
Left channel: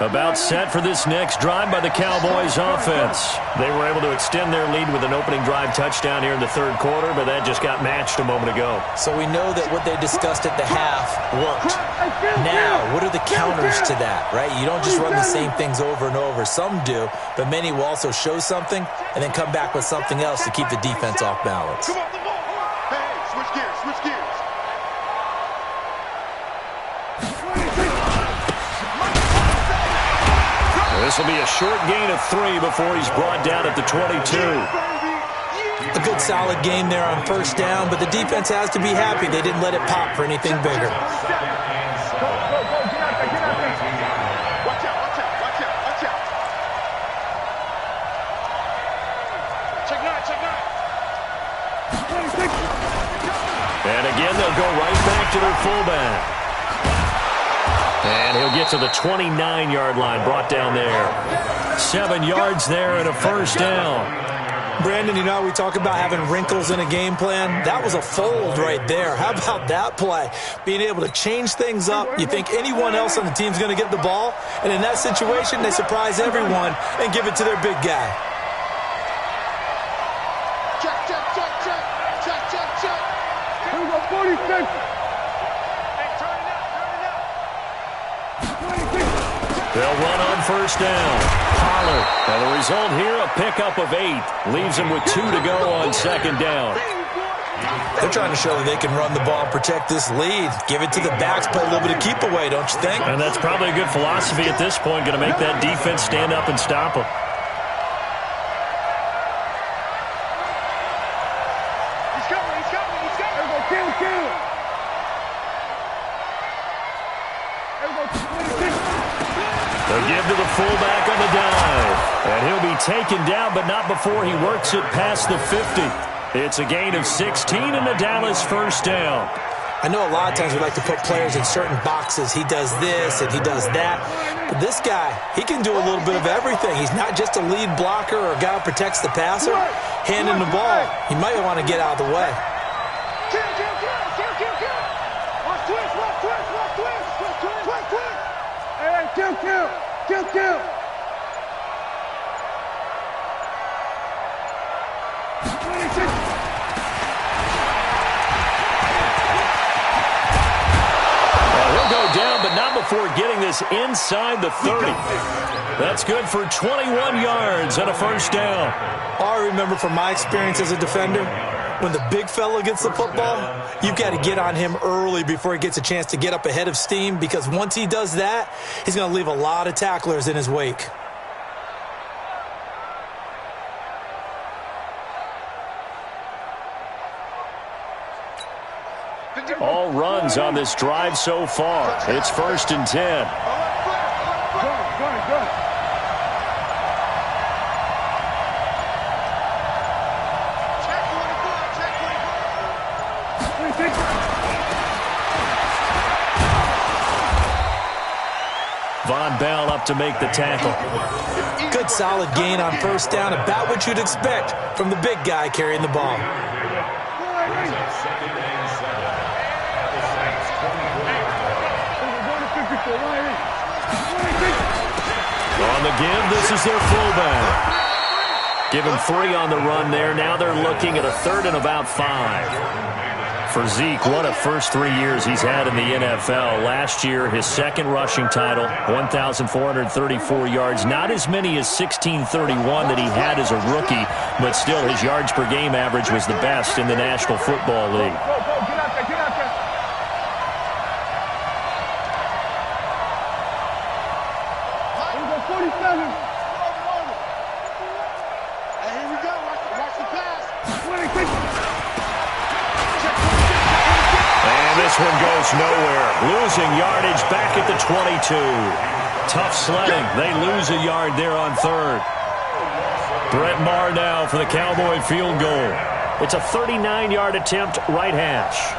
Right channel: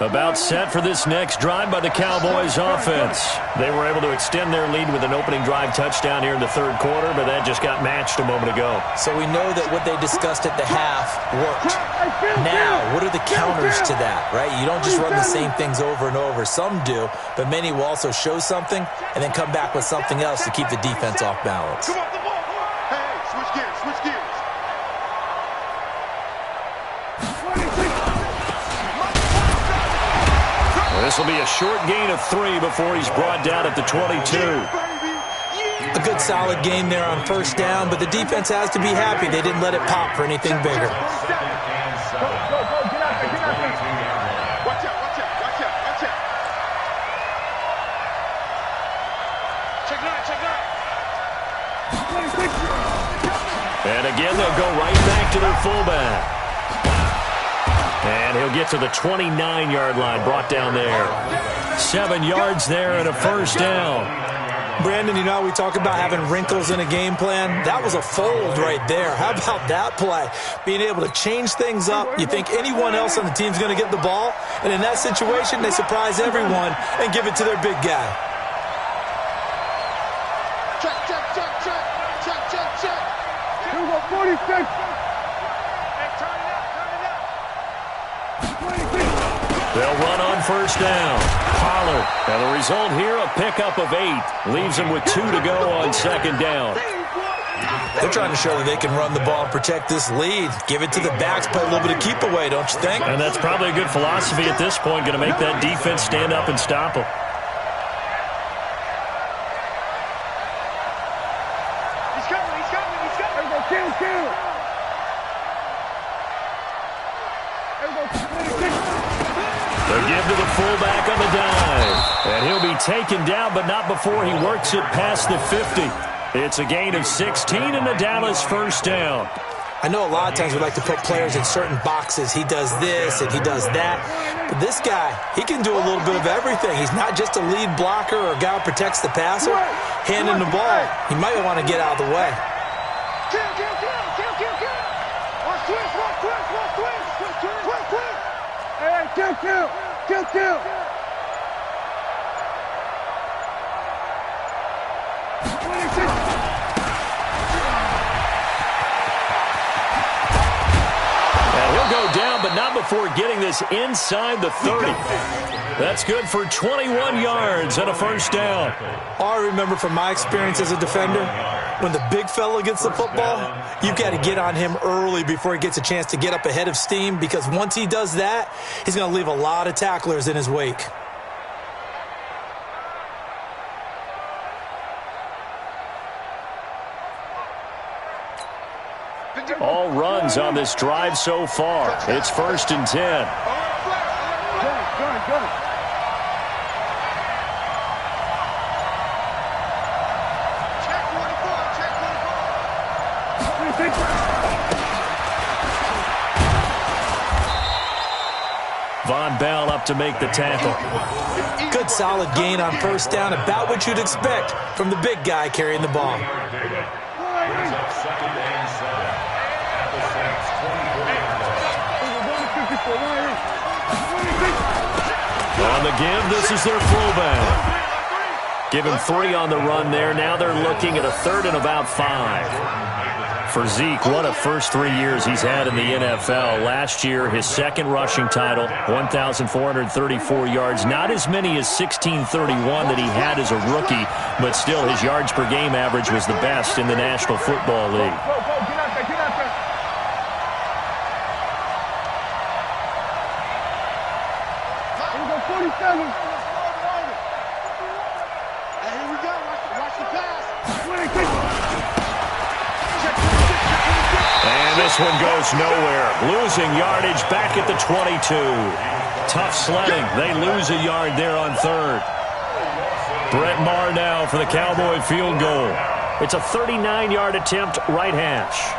About set for this next drive by the Cowboys offense. They were able to extend their lead with an opening drive touchdown here in the third quarter, but that just got matched a moment ago. So we know that what they discussed at the half worked. Now, what are the counters to that, right? You don't just run the same things over and over. Some do, but many will also show something and then come back with something else to keep the defense off balance. Come on, the ball. Hey, switch gears, switch gears. This will be a short gain of 3 before he's brought down at the 22. A good solid game there on first down, but the defense has to be happy they didn't let it pop for anything bigger. Go, get out there, get out there. Watch out, watch out, watch out, watch out. Check 9, check 9. And again, they'll go right back to their fullback. And he'll get to the 29-yard line, brought down there. 7 yards there and a first down. Brandon, you know, we talk about having wrinkles in a game plan. That was a fold right there. How about that play? Being able to change things up. You think anyone else on the team's going to get the ball? And in that situation, they surprise everyone and give it to their big guy. Check, check, check, check. Check, check, check. Here we go, 46. Hey, turn it up, turn it up. They'll run on first down. Pollard. And the result here, a pickup of 8. Leaves them with 2 to go on second down. They're trying to show that they can run the ball and protect this lead. Give it to the backs, play a little bit of keep away, don't you think? And that's probably a good philosophy at this point. Going to make that defense stand up and stop them. He's coming, he's coming, he's coming. Here we go, kill. The give to the fullback on the dive. And he'll be taken down, but not before he works it past the 50. It's a gain of 16 and a Dallas first down. I know a lot of times we like to put players in certain boxes. He does this and he does that. But this guy, he can do a little bit of everything. He's not just a lead blocker or a guy who protects the passer. Handing the ball, he might want to get out of the way. Kill. Watch twist. Hey, kill. 26. He'll go down, but not before getting this inside the 30. That's good for 21 yards and a first down. All I remember from my experience as a defender, when the big fella gets the football, you've got to get on him early before he gets a chance to get up ahead of steam, because once he does that, he's going to leave a lot of tacklers in his wake. All runs on this drive so far. It's 1st and 10. Go. Check 24. Von Bell up to make the tackle. Good solid gain on first down, about what you'd expect from the big guy carrying the ball. Brings up 2nd and 7. At the Saints 24. On the give, this is their fullback. Give him 3 on the run there. Now they're looking at a 3rd and about 5. For Zeke, what a first 3 years he's had in the NFL. Last year, his 2nd rushing title, 1,434 yards. Not as many as 1,631 that he had as a rookie, but still his yards per game average was the best in the National Football League. Go, get out there. Here we go, 47. Hey, here we go. Watch the pass. 26. And this one goes nowhere. Losing yardage back at the 22. Tough sledding. They lose a yard there on 3rd. Brett Maher now for the Cowboy field goal. It's a 39-yard attempt, right hash.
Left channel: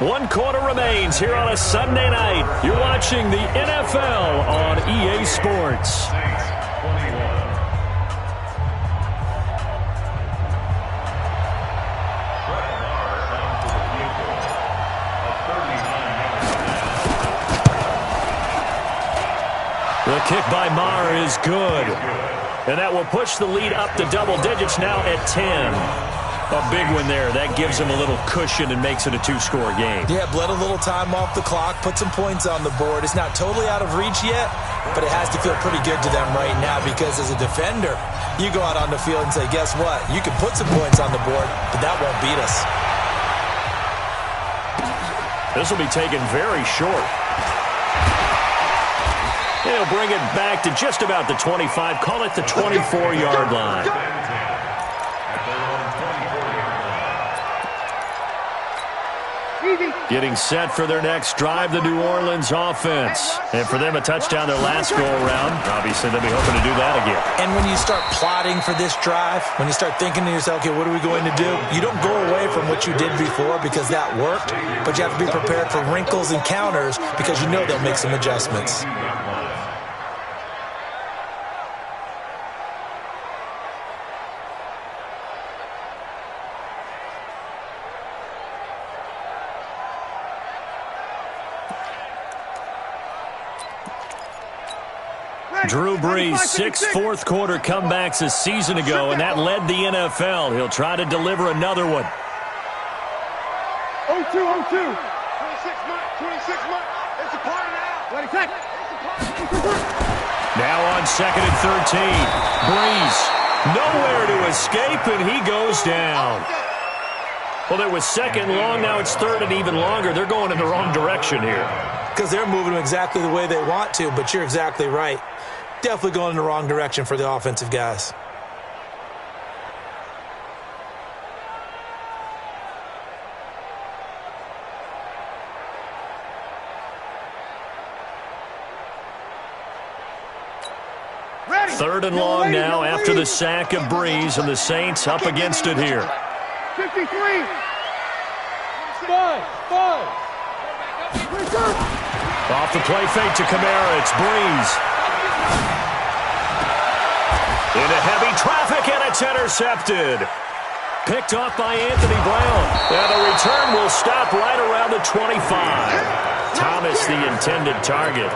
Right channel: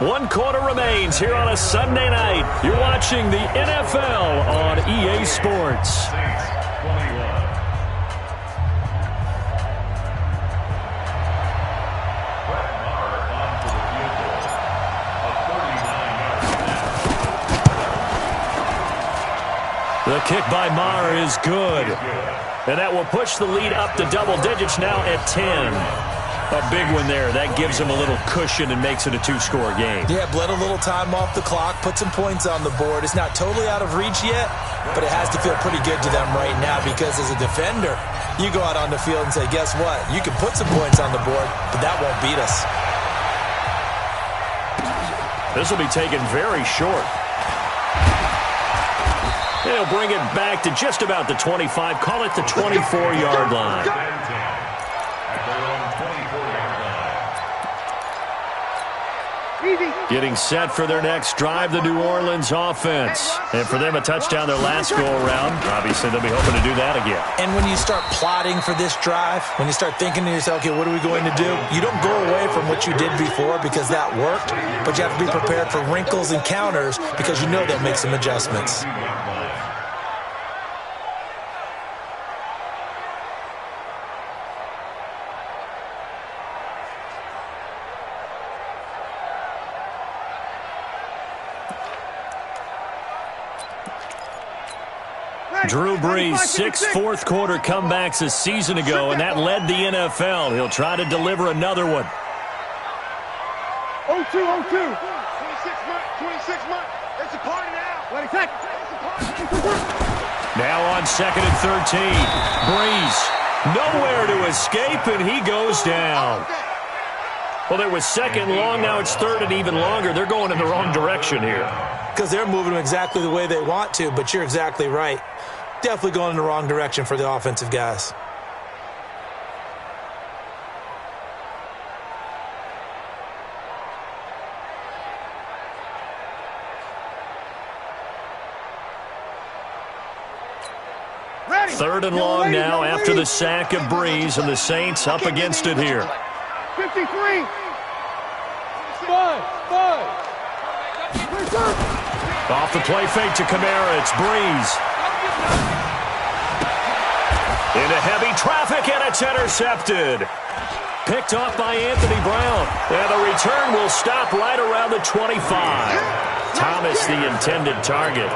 One quarter remains here on a Sunday night. You're watching the NFL on EA Sports. Saints 21. Brett Maher on for the field goal. A 39-yard. The kick by Maher is good. And that will push the lead up to double digits now at 10. A big one there. That gives him a little cushion and makes it a 2-score game. Yeah, bled a little time off the clock, put some points on the board. It's not totally out of reach yet, but it has to feel pretty good to them right now, because as a defender, you go out on the field and say, guess what? You can put some points on the board, but that won't beat us. This will be taken very short. And he'll bring it back to just about the 25. Call it the 24-yard line. At their own 24-yard line. Getting set for their next drive, the New Orleans offense. And for them, a touchdown their last go-around. Obviously, they'll be hoping to do that again. And when you start plotting for this drive, when you start thinking to yourself, okay, what are we going to do? You don't go away from what you did before because that worked, but you have to be prepared for wrinkles and counters because you know they'll make some adjustments. Drew Brees, 6 fourth-quarter comebacks a season ago, and that led the NFL. He'll try to deliver another one. 0-2. 26 months. It's a party now. 26. It's a party. Now on 2nd and 13. Brees, nowhere to escape, and he goes down. Well, it was 2nd long. Now it's 3rd and even longer. They're going in the wrong direction here. Because they're moving them exactly the way they want to, but you're exactly right. Definitely going in the wrong direction for the offensive guys. 3rd and long now after the sack of Breeze, and the Saints up against it here. 53. Off the play fake to Kamara, it's Breeze. Into heavy traffic, and it's intercepted. Picked off by Anthony Brown. And the return will stop right around the 25. Thomas, the intended target.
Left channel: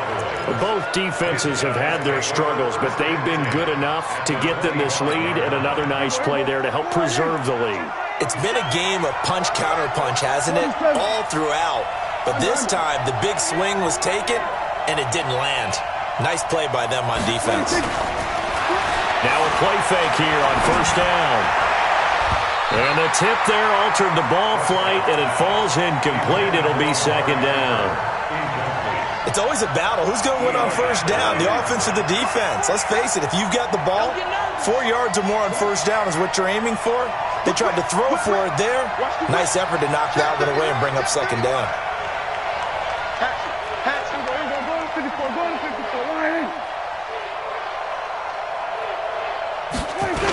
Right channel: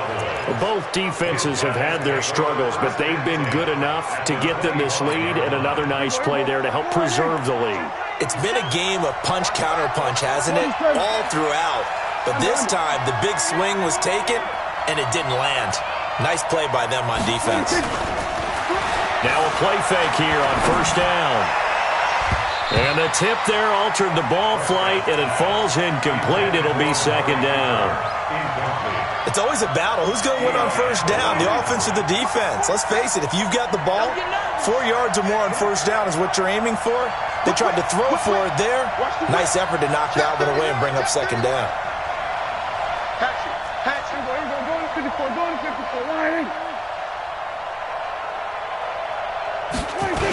Both defenses have had their struggles, but they've been good enough to get them this lead, and another nice play there to help preserve the lead. It's been a game of punch-counter-punch, hasn't it? All throughout. But this time, the big swing was taken, and it didn't land. Nice play by them on defense. Now a play fake here on 1st down. And the tip there altered the ball flight, and it falls incomplete. It'll be 2nd down. It's always a battle. Who's going to win on 1st down, the offense or the defense? Let's face it, if you've got the ball, 4 yards or more on 1st down is what you're aiming for. They tried to throw for it there. Nice effort to knock that one away and bring up 2nd down. Go to 54, go to 54, line in. 26.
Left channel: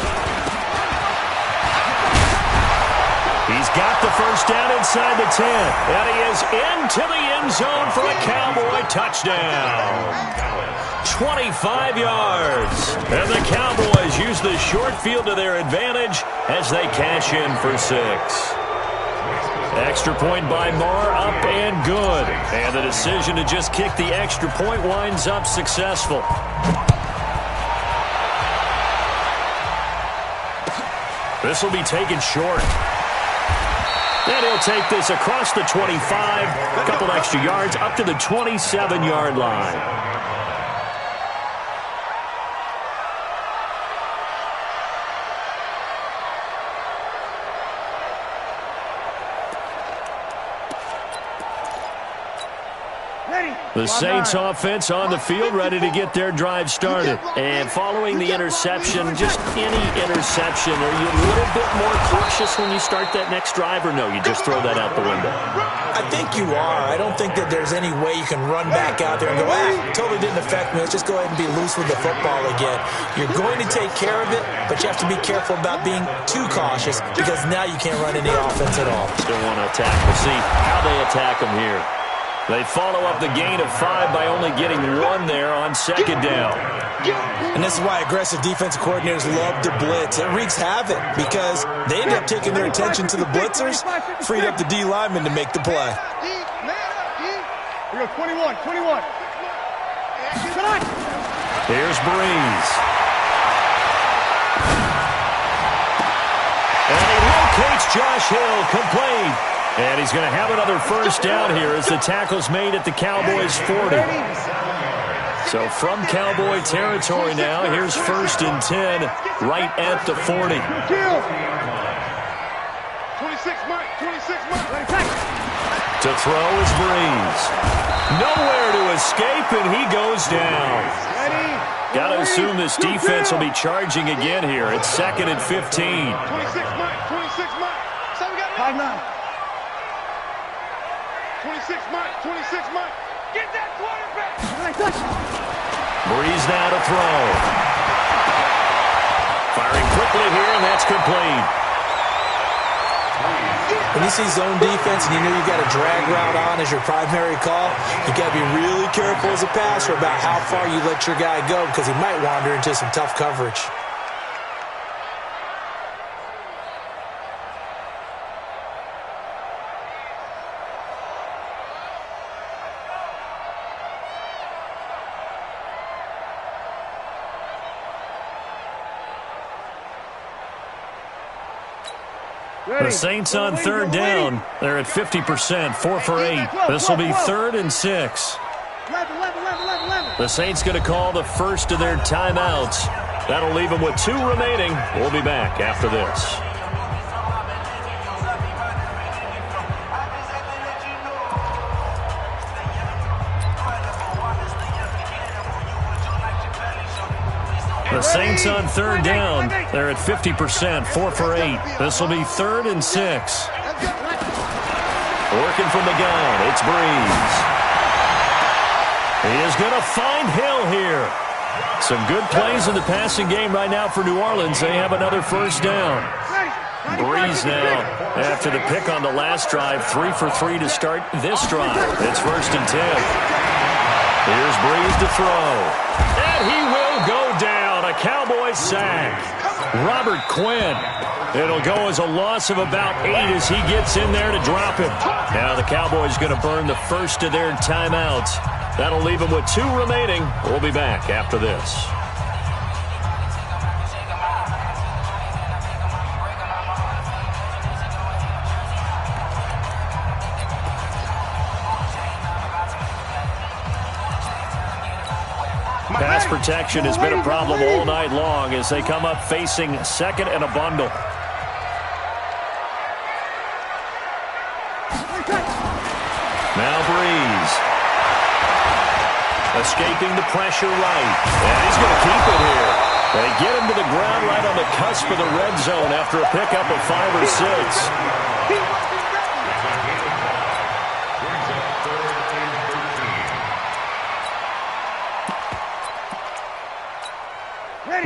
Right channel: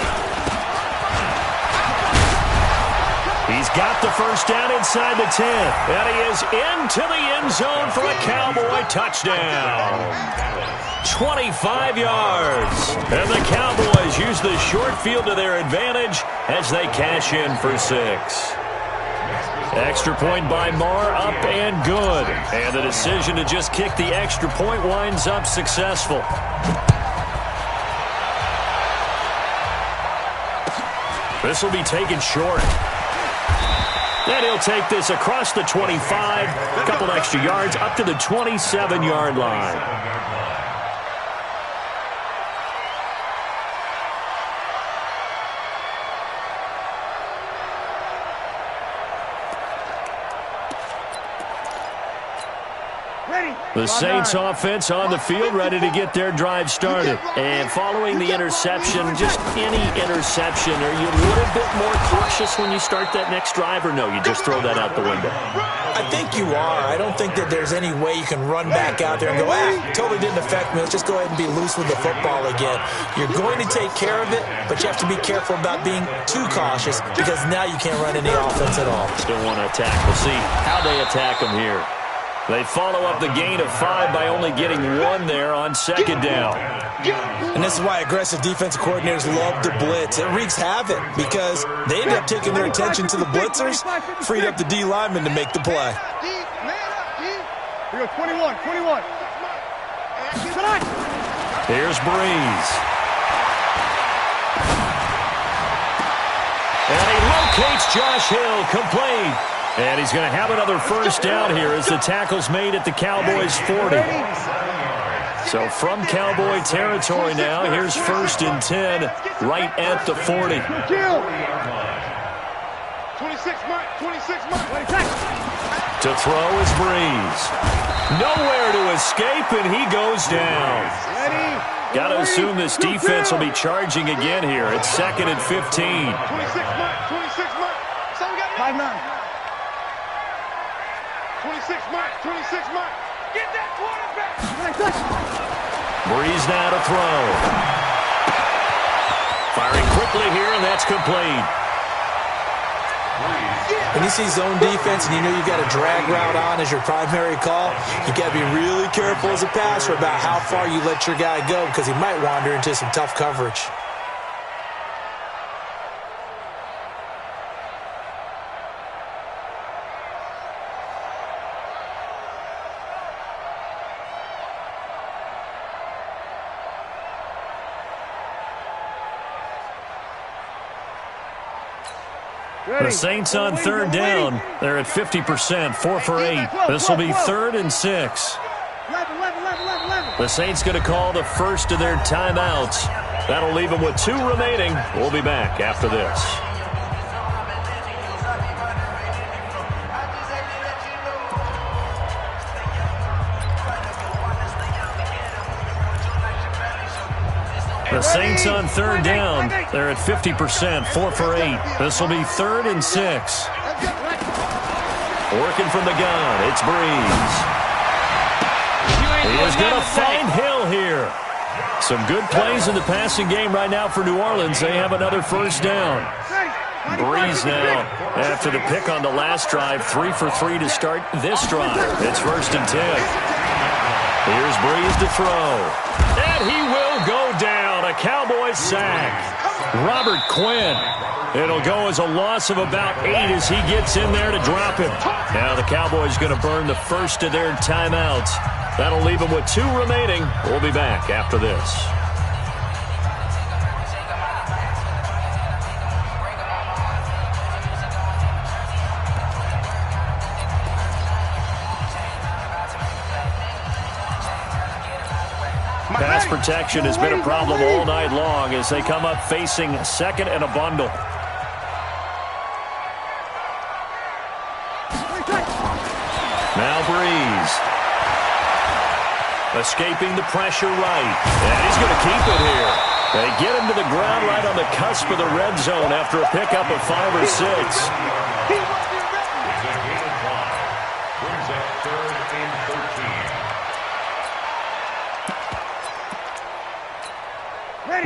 He's got the 1st down inside the 10. And he is into the end zone for a Cowboy touchdown. 25 yards. And the Cowboys use the short field to their advantage as they cash in for 6. Extra point by Marr, up and good. And the decision to just kick the extra point winds up successful. This will be taken short. And he'll take this across the 25, a couple extra yards, up to the 27-yard line. The Saints offense on the field, ready to get their drive started. And following the interception, just any interception, are you a little bit more cautious when you start that next drive, or no, you just throw that out the window? I think you are. I don't think that there's any way you can run back out there and go, totally didn't affect me. Let's just go ahead and be loose with the football again. You're going to take care of it, but you have to be careful about being too cautious because now you can't run any offense at all. Still want to attack. We'll see how they attack them here. They follow up the gain of 5 by only getting 1 there on 2nd down. And this is why aggressive defensive coordinators love to blitz. It wreaks havoc because they end up taking their attention to the blitzers, freed up the D lineman to make the play. We go 21. Here's Breeze. And he locates Josh Hill, complete. And he's going to have another 1st down here as the tackle's made at the Cowboys' 40. So from Cowboy territory now, here's 1st and 10 right at the 40. 26 Mike. To throw is Breeze. Nowhere to escape, and he goes down. Got to assume this defense will be charging again here. It's 2nd and 15. 26 Mike. So we got 5-9. 26 Mike. Get that quarterback. Breeze now to throw. Firing quickly here, and that's complete. When you see zone defense and you know you've got a drag route on as your primary call, you got to be really careful as a passer about how far you let your guy go because he might wander into some tough coverage. The Saints on 3rd down. They're at 50%, 4 for 8. This will be 3rd and 6. The Saints going to call the first of their timeouts. That'll leave them with 2 remaining. We'll be back after this. The Saints on 3rd down. They're at 50%, 4 for 8. This will be 3rd and 6. Working from the gun, it's Breeze. He is going to find Hill here. Some good plays in the passing game right now for New Orleans. They have another first down. Breeze now, after the pick on the last drive, 3 for 3 to start this drive. It's 1st and 10. Here's Breeze to throw. And he will go down. A Cowboys sack. Robert Quinn. It'll go as a loss of about 8 as he gets in there to drop him. Now the Cowboys going to burn the first of their timeouts. That'll leave them with 2 remaining. We'll be back after this. Pass protection has been a problem all night long as they come up facing 2nd and a bundle. Now Breeze. Escaping the pressure right. And he's going to keep it here. They get him to the ground right on the cusp of the red zone after a pickup of 5 or 6.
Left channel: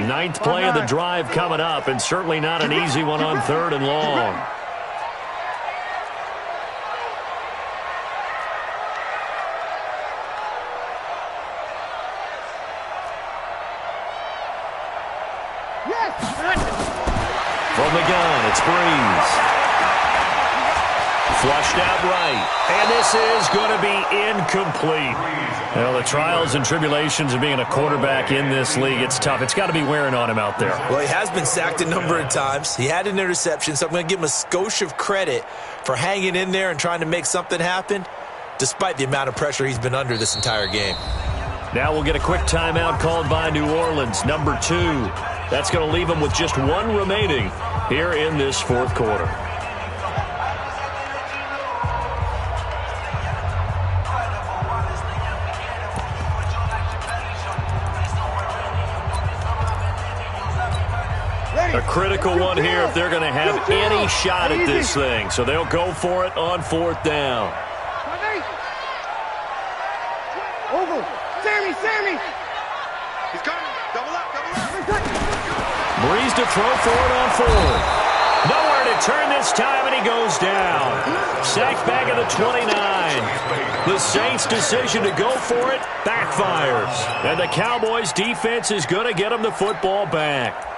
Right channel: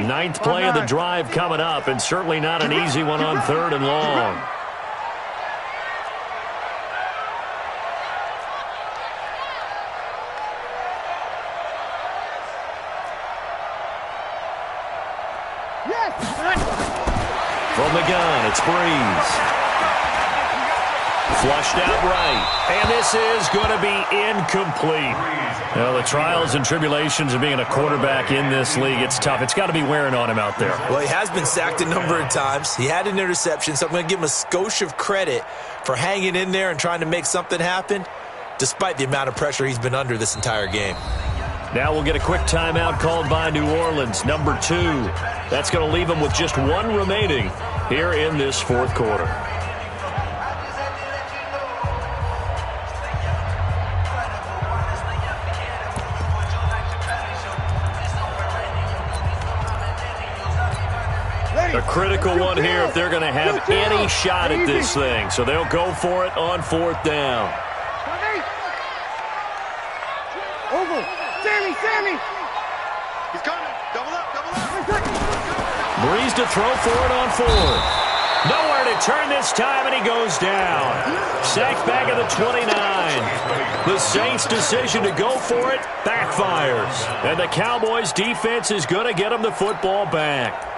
Ninth play of the drive coming up, and certainly not an easy one on 3rd and long. From the gun, it's Breeze. Flushed out right, and this is going to be incomplete. Well, the trials and tribulations of being a quarterback in this league, it's tough. It's got to be wearing on him out there. Well, he has been sacked a number of times. He had an interception, so I'm going to give him a skosh of credit for hanging in there and trying to make something happen, despite the amount of pressure he's been under this entire game. Now we'll get a quick timeout called by New Orleans, number 2. That's going to leave him with just 1 remaining here in this 4th quarter. A critical one here if they're going to have any shot at this thing. So they'll go for it on 4th down. Over. Sammy. He's coming. Double up. Breeze to throw for it on 4th. Nowhere to turn this time, and he goes down. Sacked back at the 29. The Saints' decision to go for it backfires. And the Cowboys' defense is going to get them the football back.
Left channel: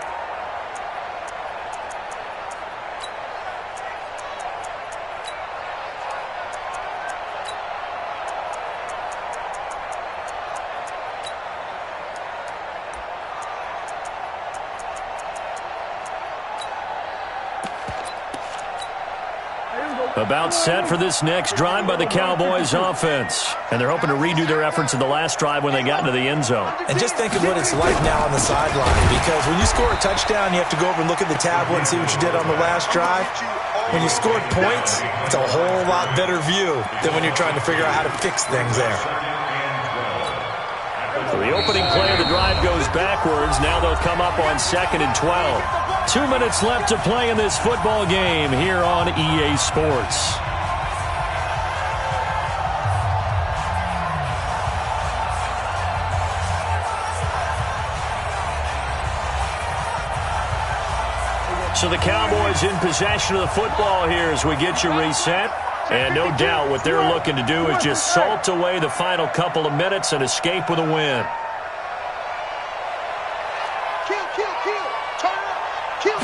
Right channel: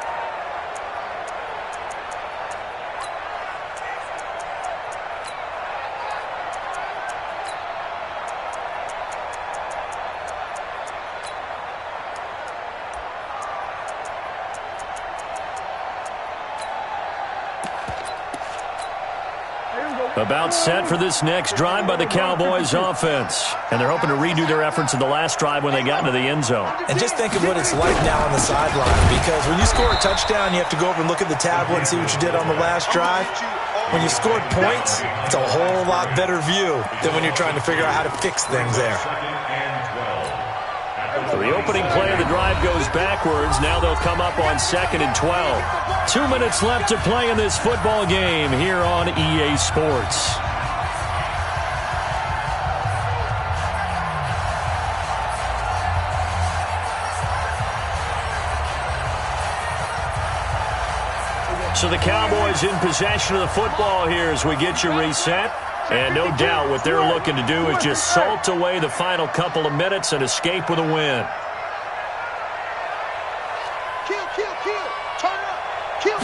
About set for this next drive by the Cowboys offense. And they're hoping to redo their efforts in the last drive when they got into the end zone. And just think of what it's like now on the sideline, because when you score a touchdown, you have to go over and look at the tablet and see what you did on the last drive. When you scored points, it's a whole lot better view than when you're trying to figure out how to fix things there. So the opening play of the drive goes backwards. Now they'll come up on 2nd and 12. 2 minutes left to play in this football game here on EA Sports. So the Cowboys in possession of the football here as we get you reset. And no doubt what they're looking to do is just salt away the final couple of minutes and escape with a win. Kill. Turn up. Kill.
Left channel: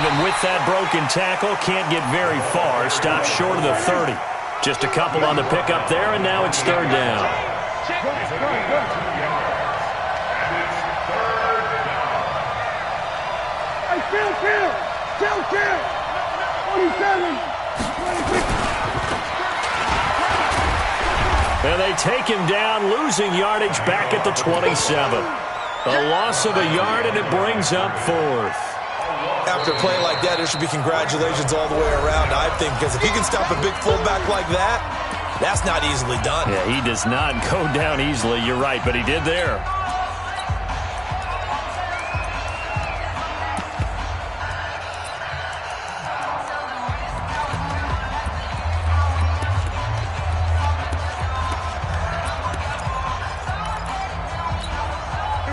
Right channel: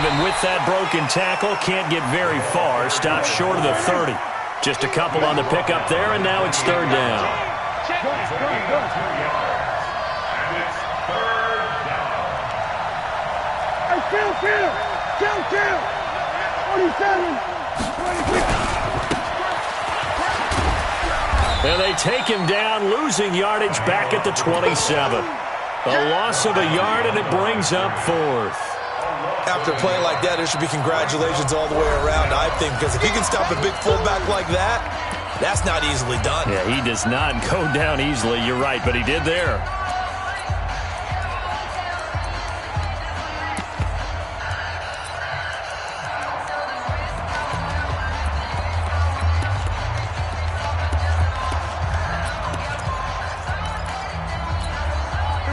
Even with that broken tackle, can't get very far. Stops short of the 30. Just a couple on the pickup there, and now it's 3rd down. Hey, Kill. 27. 26. And they take him down, losing yardage back at the 27. A loss of a yard, and it brings up 4th. After a play like that, there should be congratulations all the way around, I think, because if you can stop a big fullback like that, that's not easily done. Yeah, he does not go down easily. You're right, but he did there.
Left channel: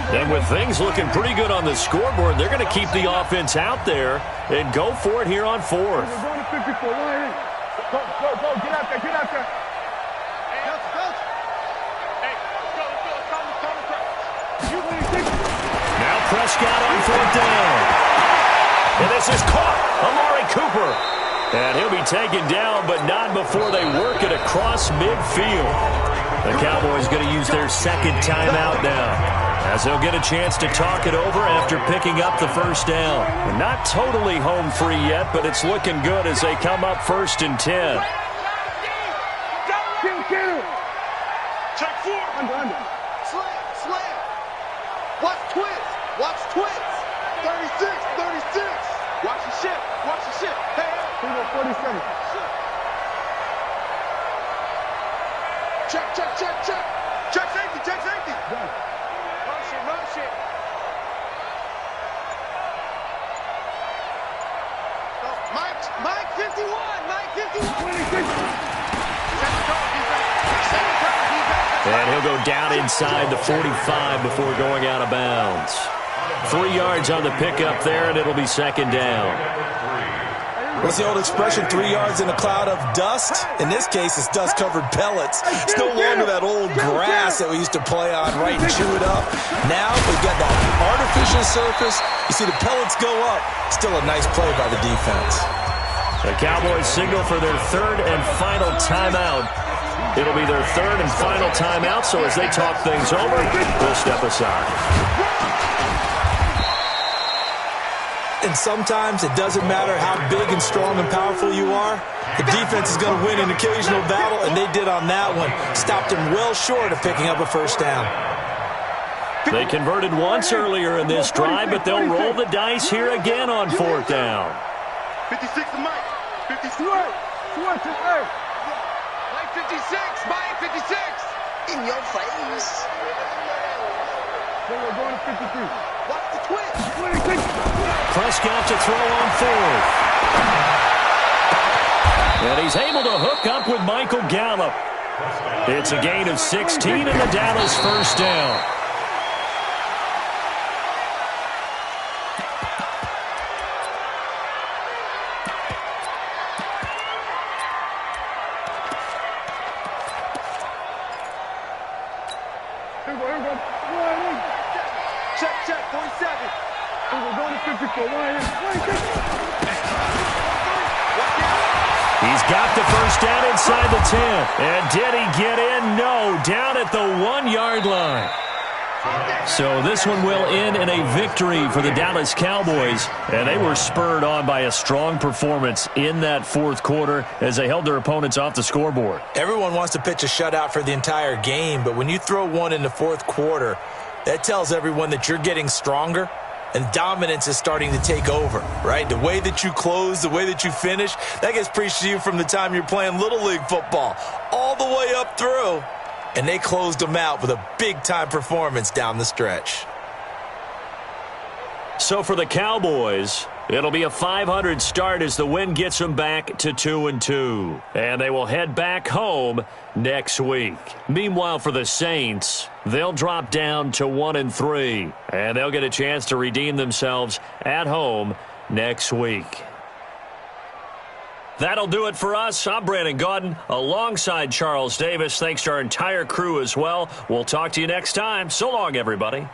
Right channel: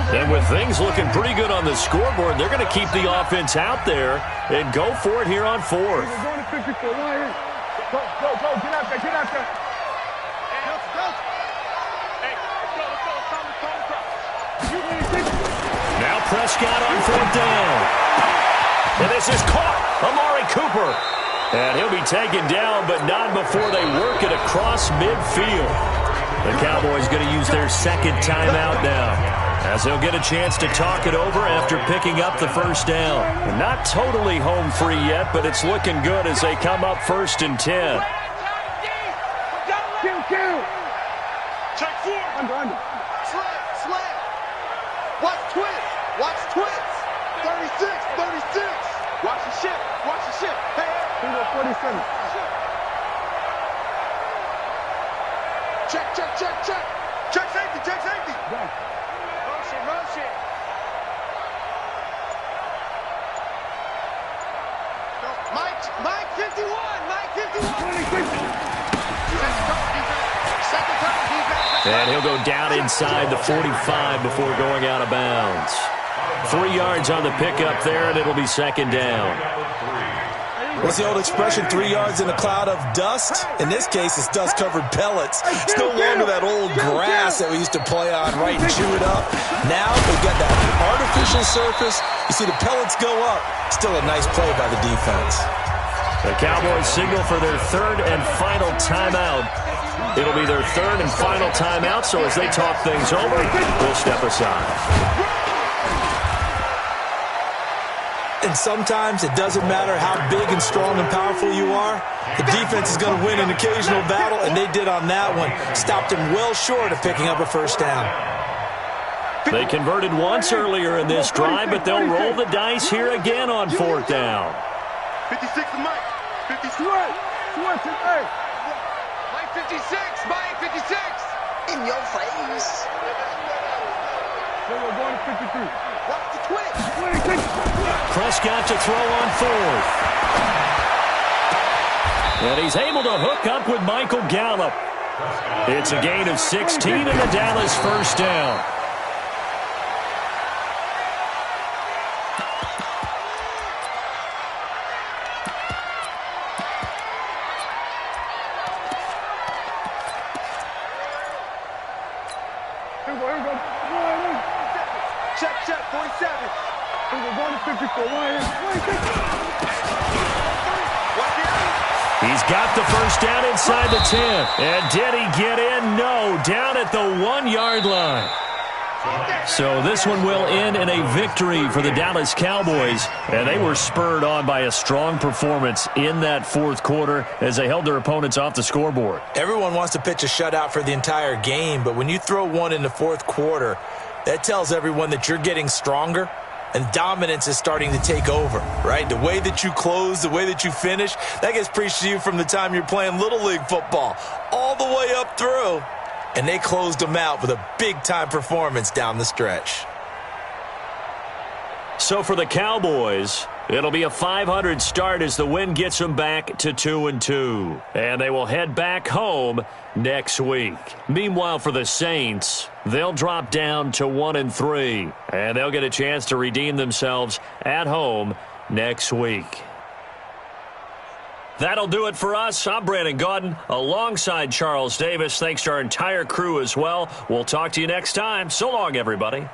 And with things looking pretty good on the scoreboard, they're going to keep the offense out there and go for it here on fourth. We're going to 54. One in. Go. Get out there. Hey, let's go. Calm the crowd. Now Prescott on fourth down. And this is caught. Amari Cooper. And he'll be taken down, but not before they work it across midfield. The Cowboys going to use their second timeout now, as they'll get a chance to talk it over after picking up the first down. They're not totally home free yet, but it's looking good as they come up 1st and 10. Kill. Check 4. Under. Slam. Watch twist. 36. Watch the ship. Hey. Here we go, 47. Check. Check safety. Done. Motion. Go. Mike 51. 26. And he'll go down inside the 45 before going out of bounds. 3 yards on the pickup there, and it'll be second down. What's the old expression, 3 yards in a cloud of dust? In this case, it's dust-covered pellets. It's no longer that old grass that we used to play on, right, and chew it up. Now we've got that artificial surface. You see the pellets go up. Still a nice play by the defense. The Cowboys signal for their third and final timeout. It'll be their third and final timeout, so as they talk things over, we'll step aside. And sometimes it doesn't matter how big and strong and powerful you are. The defense is going to win an occasional battle, and they did on that one. Stopped him well short of picking up a first down. They converted once earlier in this drive, but they'll roll the dice here again on fourth down. 56 to Mike. 56. Mike 56. In your face. Then we're going to 53. Watch the twist. 26. Prescott to throw on fourth. And he's able to hook up with Michael Gallup. It's a gain of 16 and the Dallas first down. Here we go. Check, 47. We're going to 54. 26. He's got the first down inside the 10. And did he get in? No, down at the 1-yard line. So this one will end in a victory for the Dallas Cowboys, and they were spurred on by a strong performance in that fourth quarter as they held their opponents off the scoreboard. Everyone wants to pitch a shutout for the entire game, but when you throw one in the fourth quarter, that tells everyone that you're getting stronger and dominance is starting to take over, right? The way that you close, the way that you finish, that gets preached to you from the time you're playing Little League football all the way up through. And they closed them out with a big-time performance down the stretch. So for the Cowboys, it'll be a 500 start as the win gets them back to 2-2. And they will head back home next week. Meanwhile, for the Saints, they'll drop down to 1-3. And they'll get a chance to redeem themselves at home next week. That'll do it for us. I'm Brandon Gaudin alongside Charles Davis. Thanks to our entire crew as well. We'll talk to you next time. So long, everybody.